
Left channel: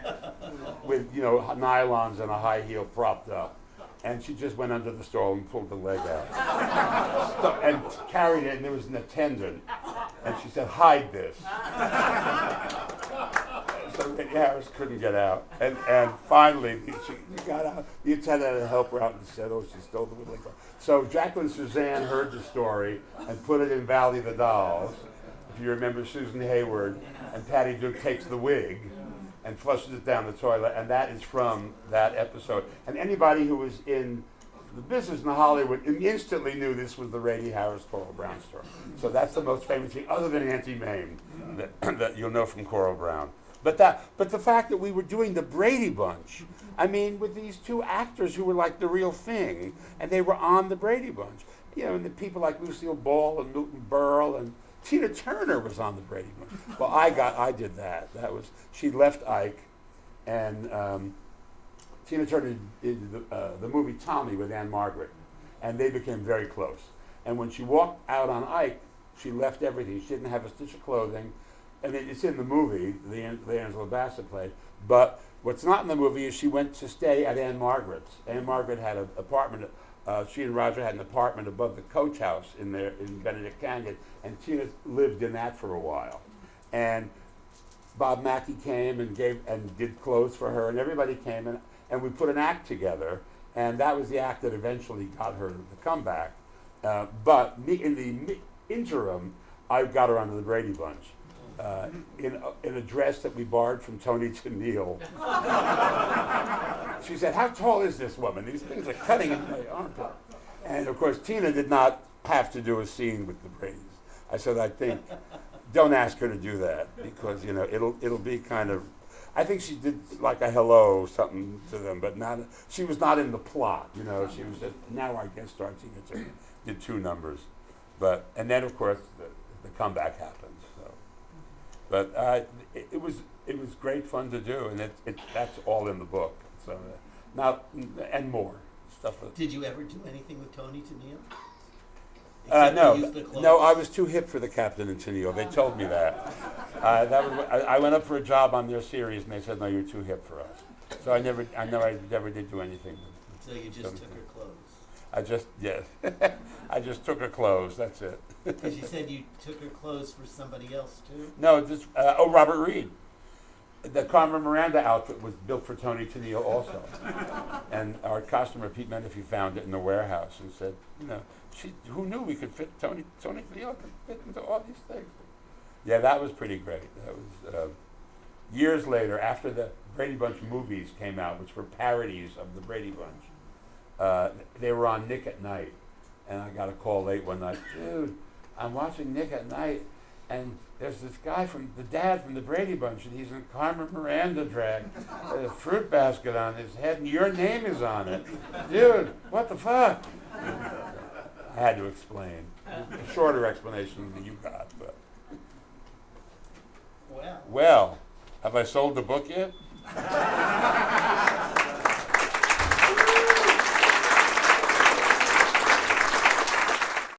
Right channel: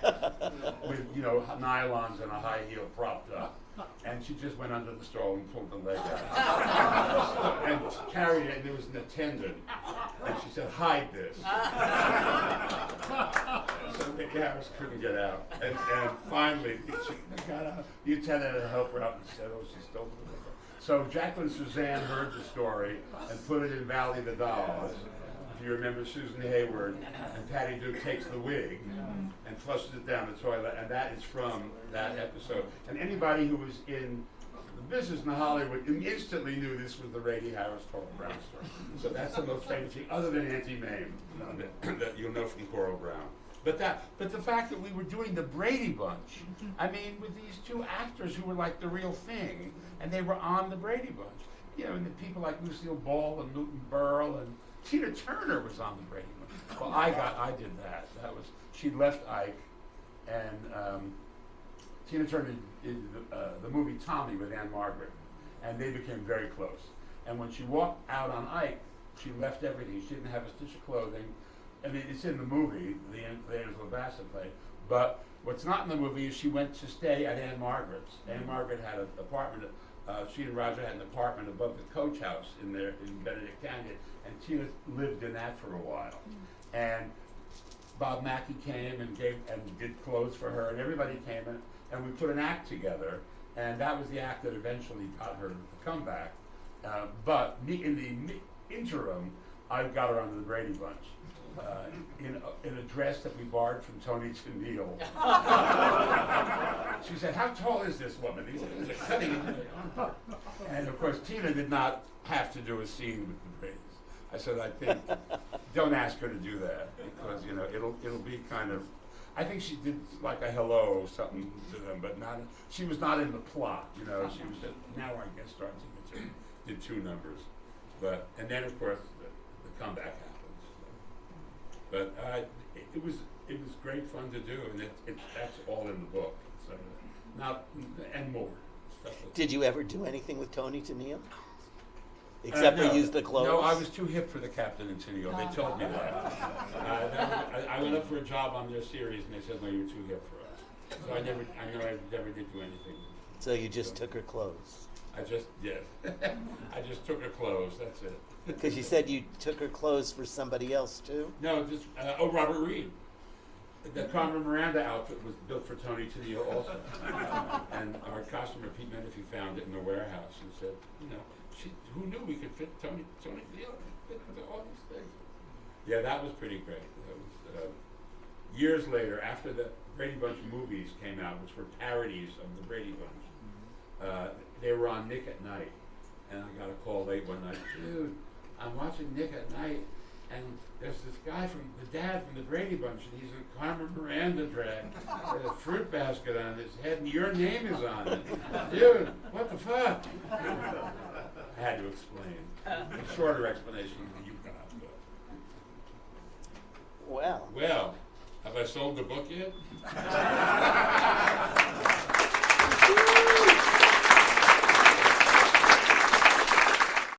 with, nylons and a high heel propped up. And she just went under the stall and pulled the leg out. And carried it, and there was an attendant. And she said, "Hide this." So Rady Harris couldn't get out. And finally, she got out. The attendant had to help her out and said, "Oh, she stole the leg." So Jacqueline Suzanne heard the story and put it in Valley of the Dolls. If you remember Susan Hayward, and Patty Duke takes the wig and flushes it down the toilet, and that is from that episode. And anybody who was in the business in Hollywood instantly knew this was the Rady Harris Coral Brown story. So that's the most famous thing, other than Auntie Mame, that you'll know from Coral Brown. But the fact that we were doing the Brady Bunch, I mean, with these two actors who were like the real thing, and they were on the Brady Bunch. And the people like Lucille Ball and Newton Burl and Tina Turner was on the Brady Bunch. Well, I did that. She left Ike, and Tina Turner did the movie Tommy with Anne Margaret, and they became very close. And when she walked out on Ike, she left everything. She didn't have a stitch of clothing. And it's in the movie, the Angela Bassett play. But what's not in the movie is she went to stay at Anne Margaret's. Anne Margaret had an apartment. She and Roger had an apartment above the Coach House in Benedict Canyon, and Tina lived in that for a while. And Bob Mackie came and did clothes for her, and everybody came, and we put an act together, and that was the act that eventually got her to come back. But in the interim, I got her onto the Brady Bunch. In a dress that we borrowed from Tony Tennille. She said, "How tall is this woman? These things are cutting into my arm." And of course, Tina did not have to do a scene with the Bradys. I said, "I think, don't ask her to do that because it'll be kind of." I think she did like a hello something to them, but she was not in the plot. She was just now our guest star. Tina did 2 numbers, and then of course the comeback happened. But it was great fun to do, and that's all in the book. So and more stuff. Did you ever do anything with Tony Tennille? Except for use the clothes? No, I was too hip for the Captain and Tennille. They told me that. I went up for a job on their series, and they said, "No, you're too hip for us." So I never did do anything. So you just took her clothes? I just took her clothes. That's it. Because you said you took her clothes for somebody else too? No, just Robert Reed. The Carmen Miranda outfit was built for Tony Tennille also, and our costumer Pete Menifee found it in the warehouse and said, who knew we could fit Tony Tennille could fit into all these things? Yeah, that was pretty great. That was years later, after the Brady Bunch movies came out, which were parodies of the Brady Bunch. They were on Nick at Night, and I got a call late one night. "Dude, I'm watching Nick at Night, and there's this guy the dad from the Brady Bunch, and he's in Carmen Miranda drag, with a fruit basket on his head, and your name is on it. Dude, what the fuck?" I had to explain. A shorter explanation than you got, but. Well, have I sold the book yet?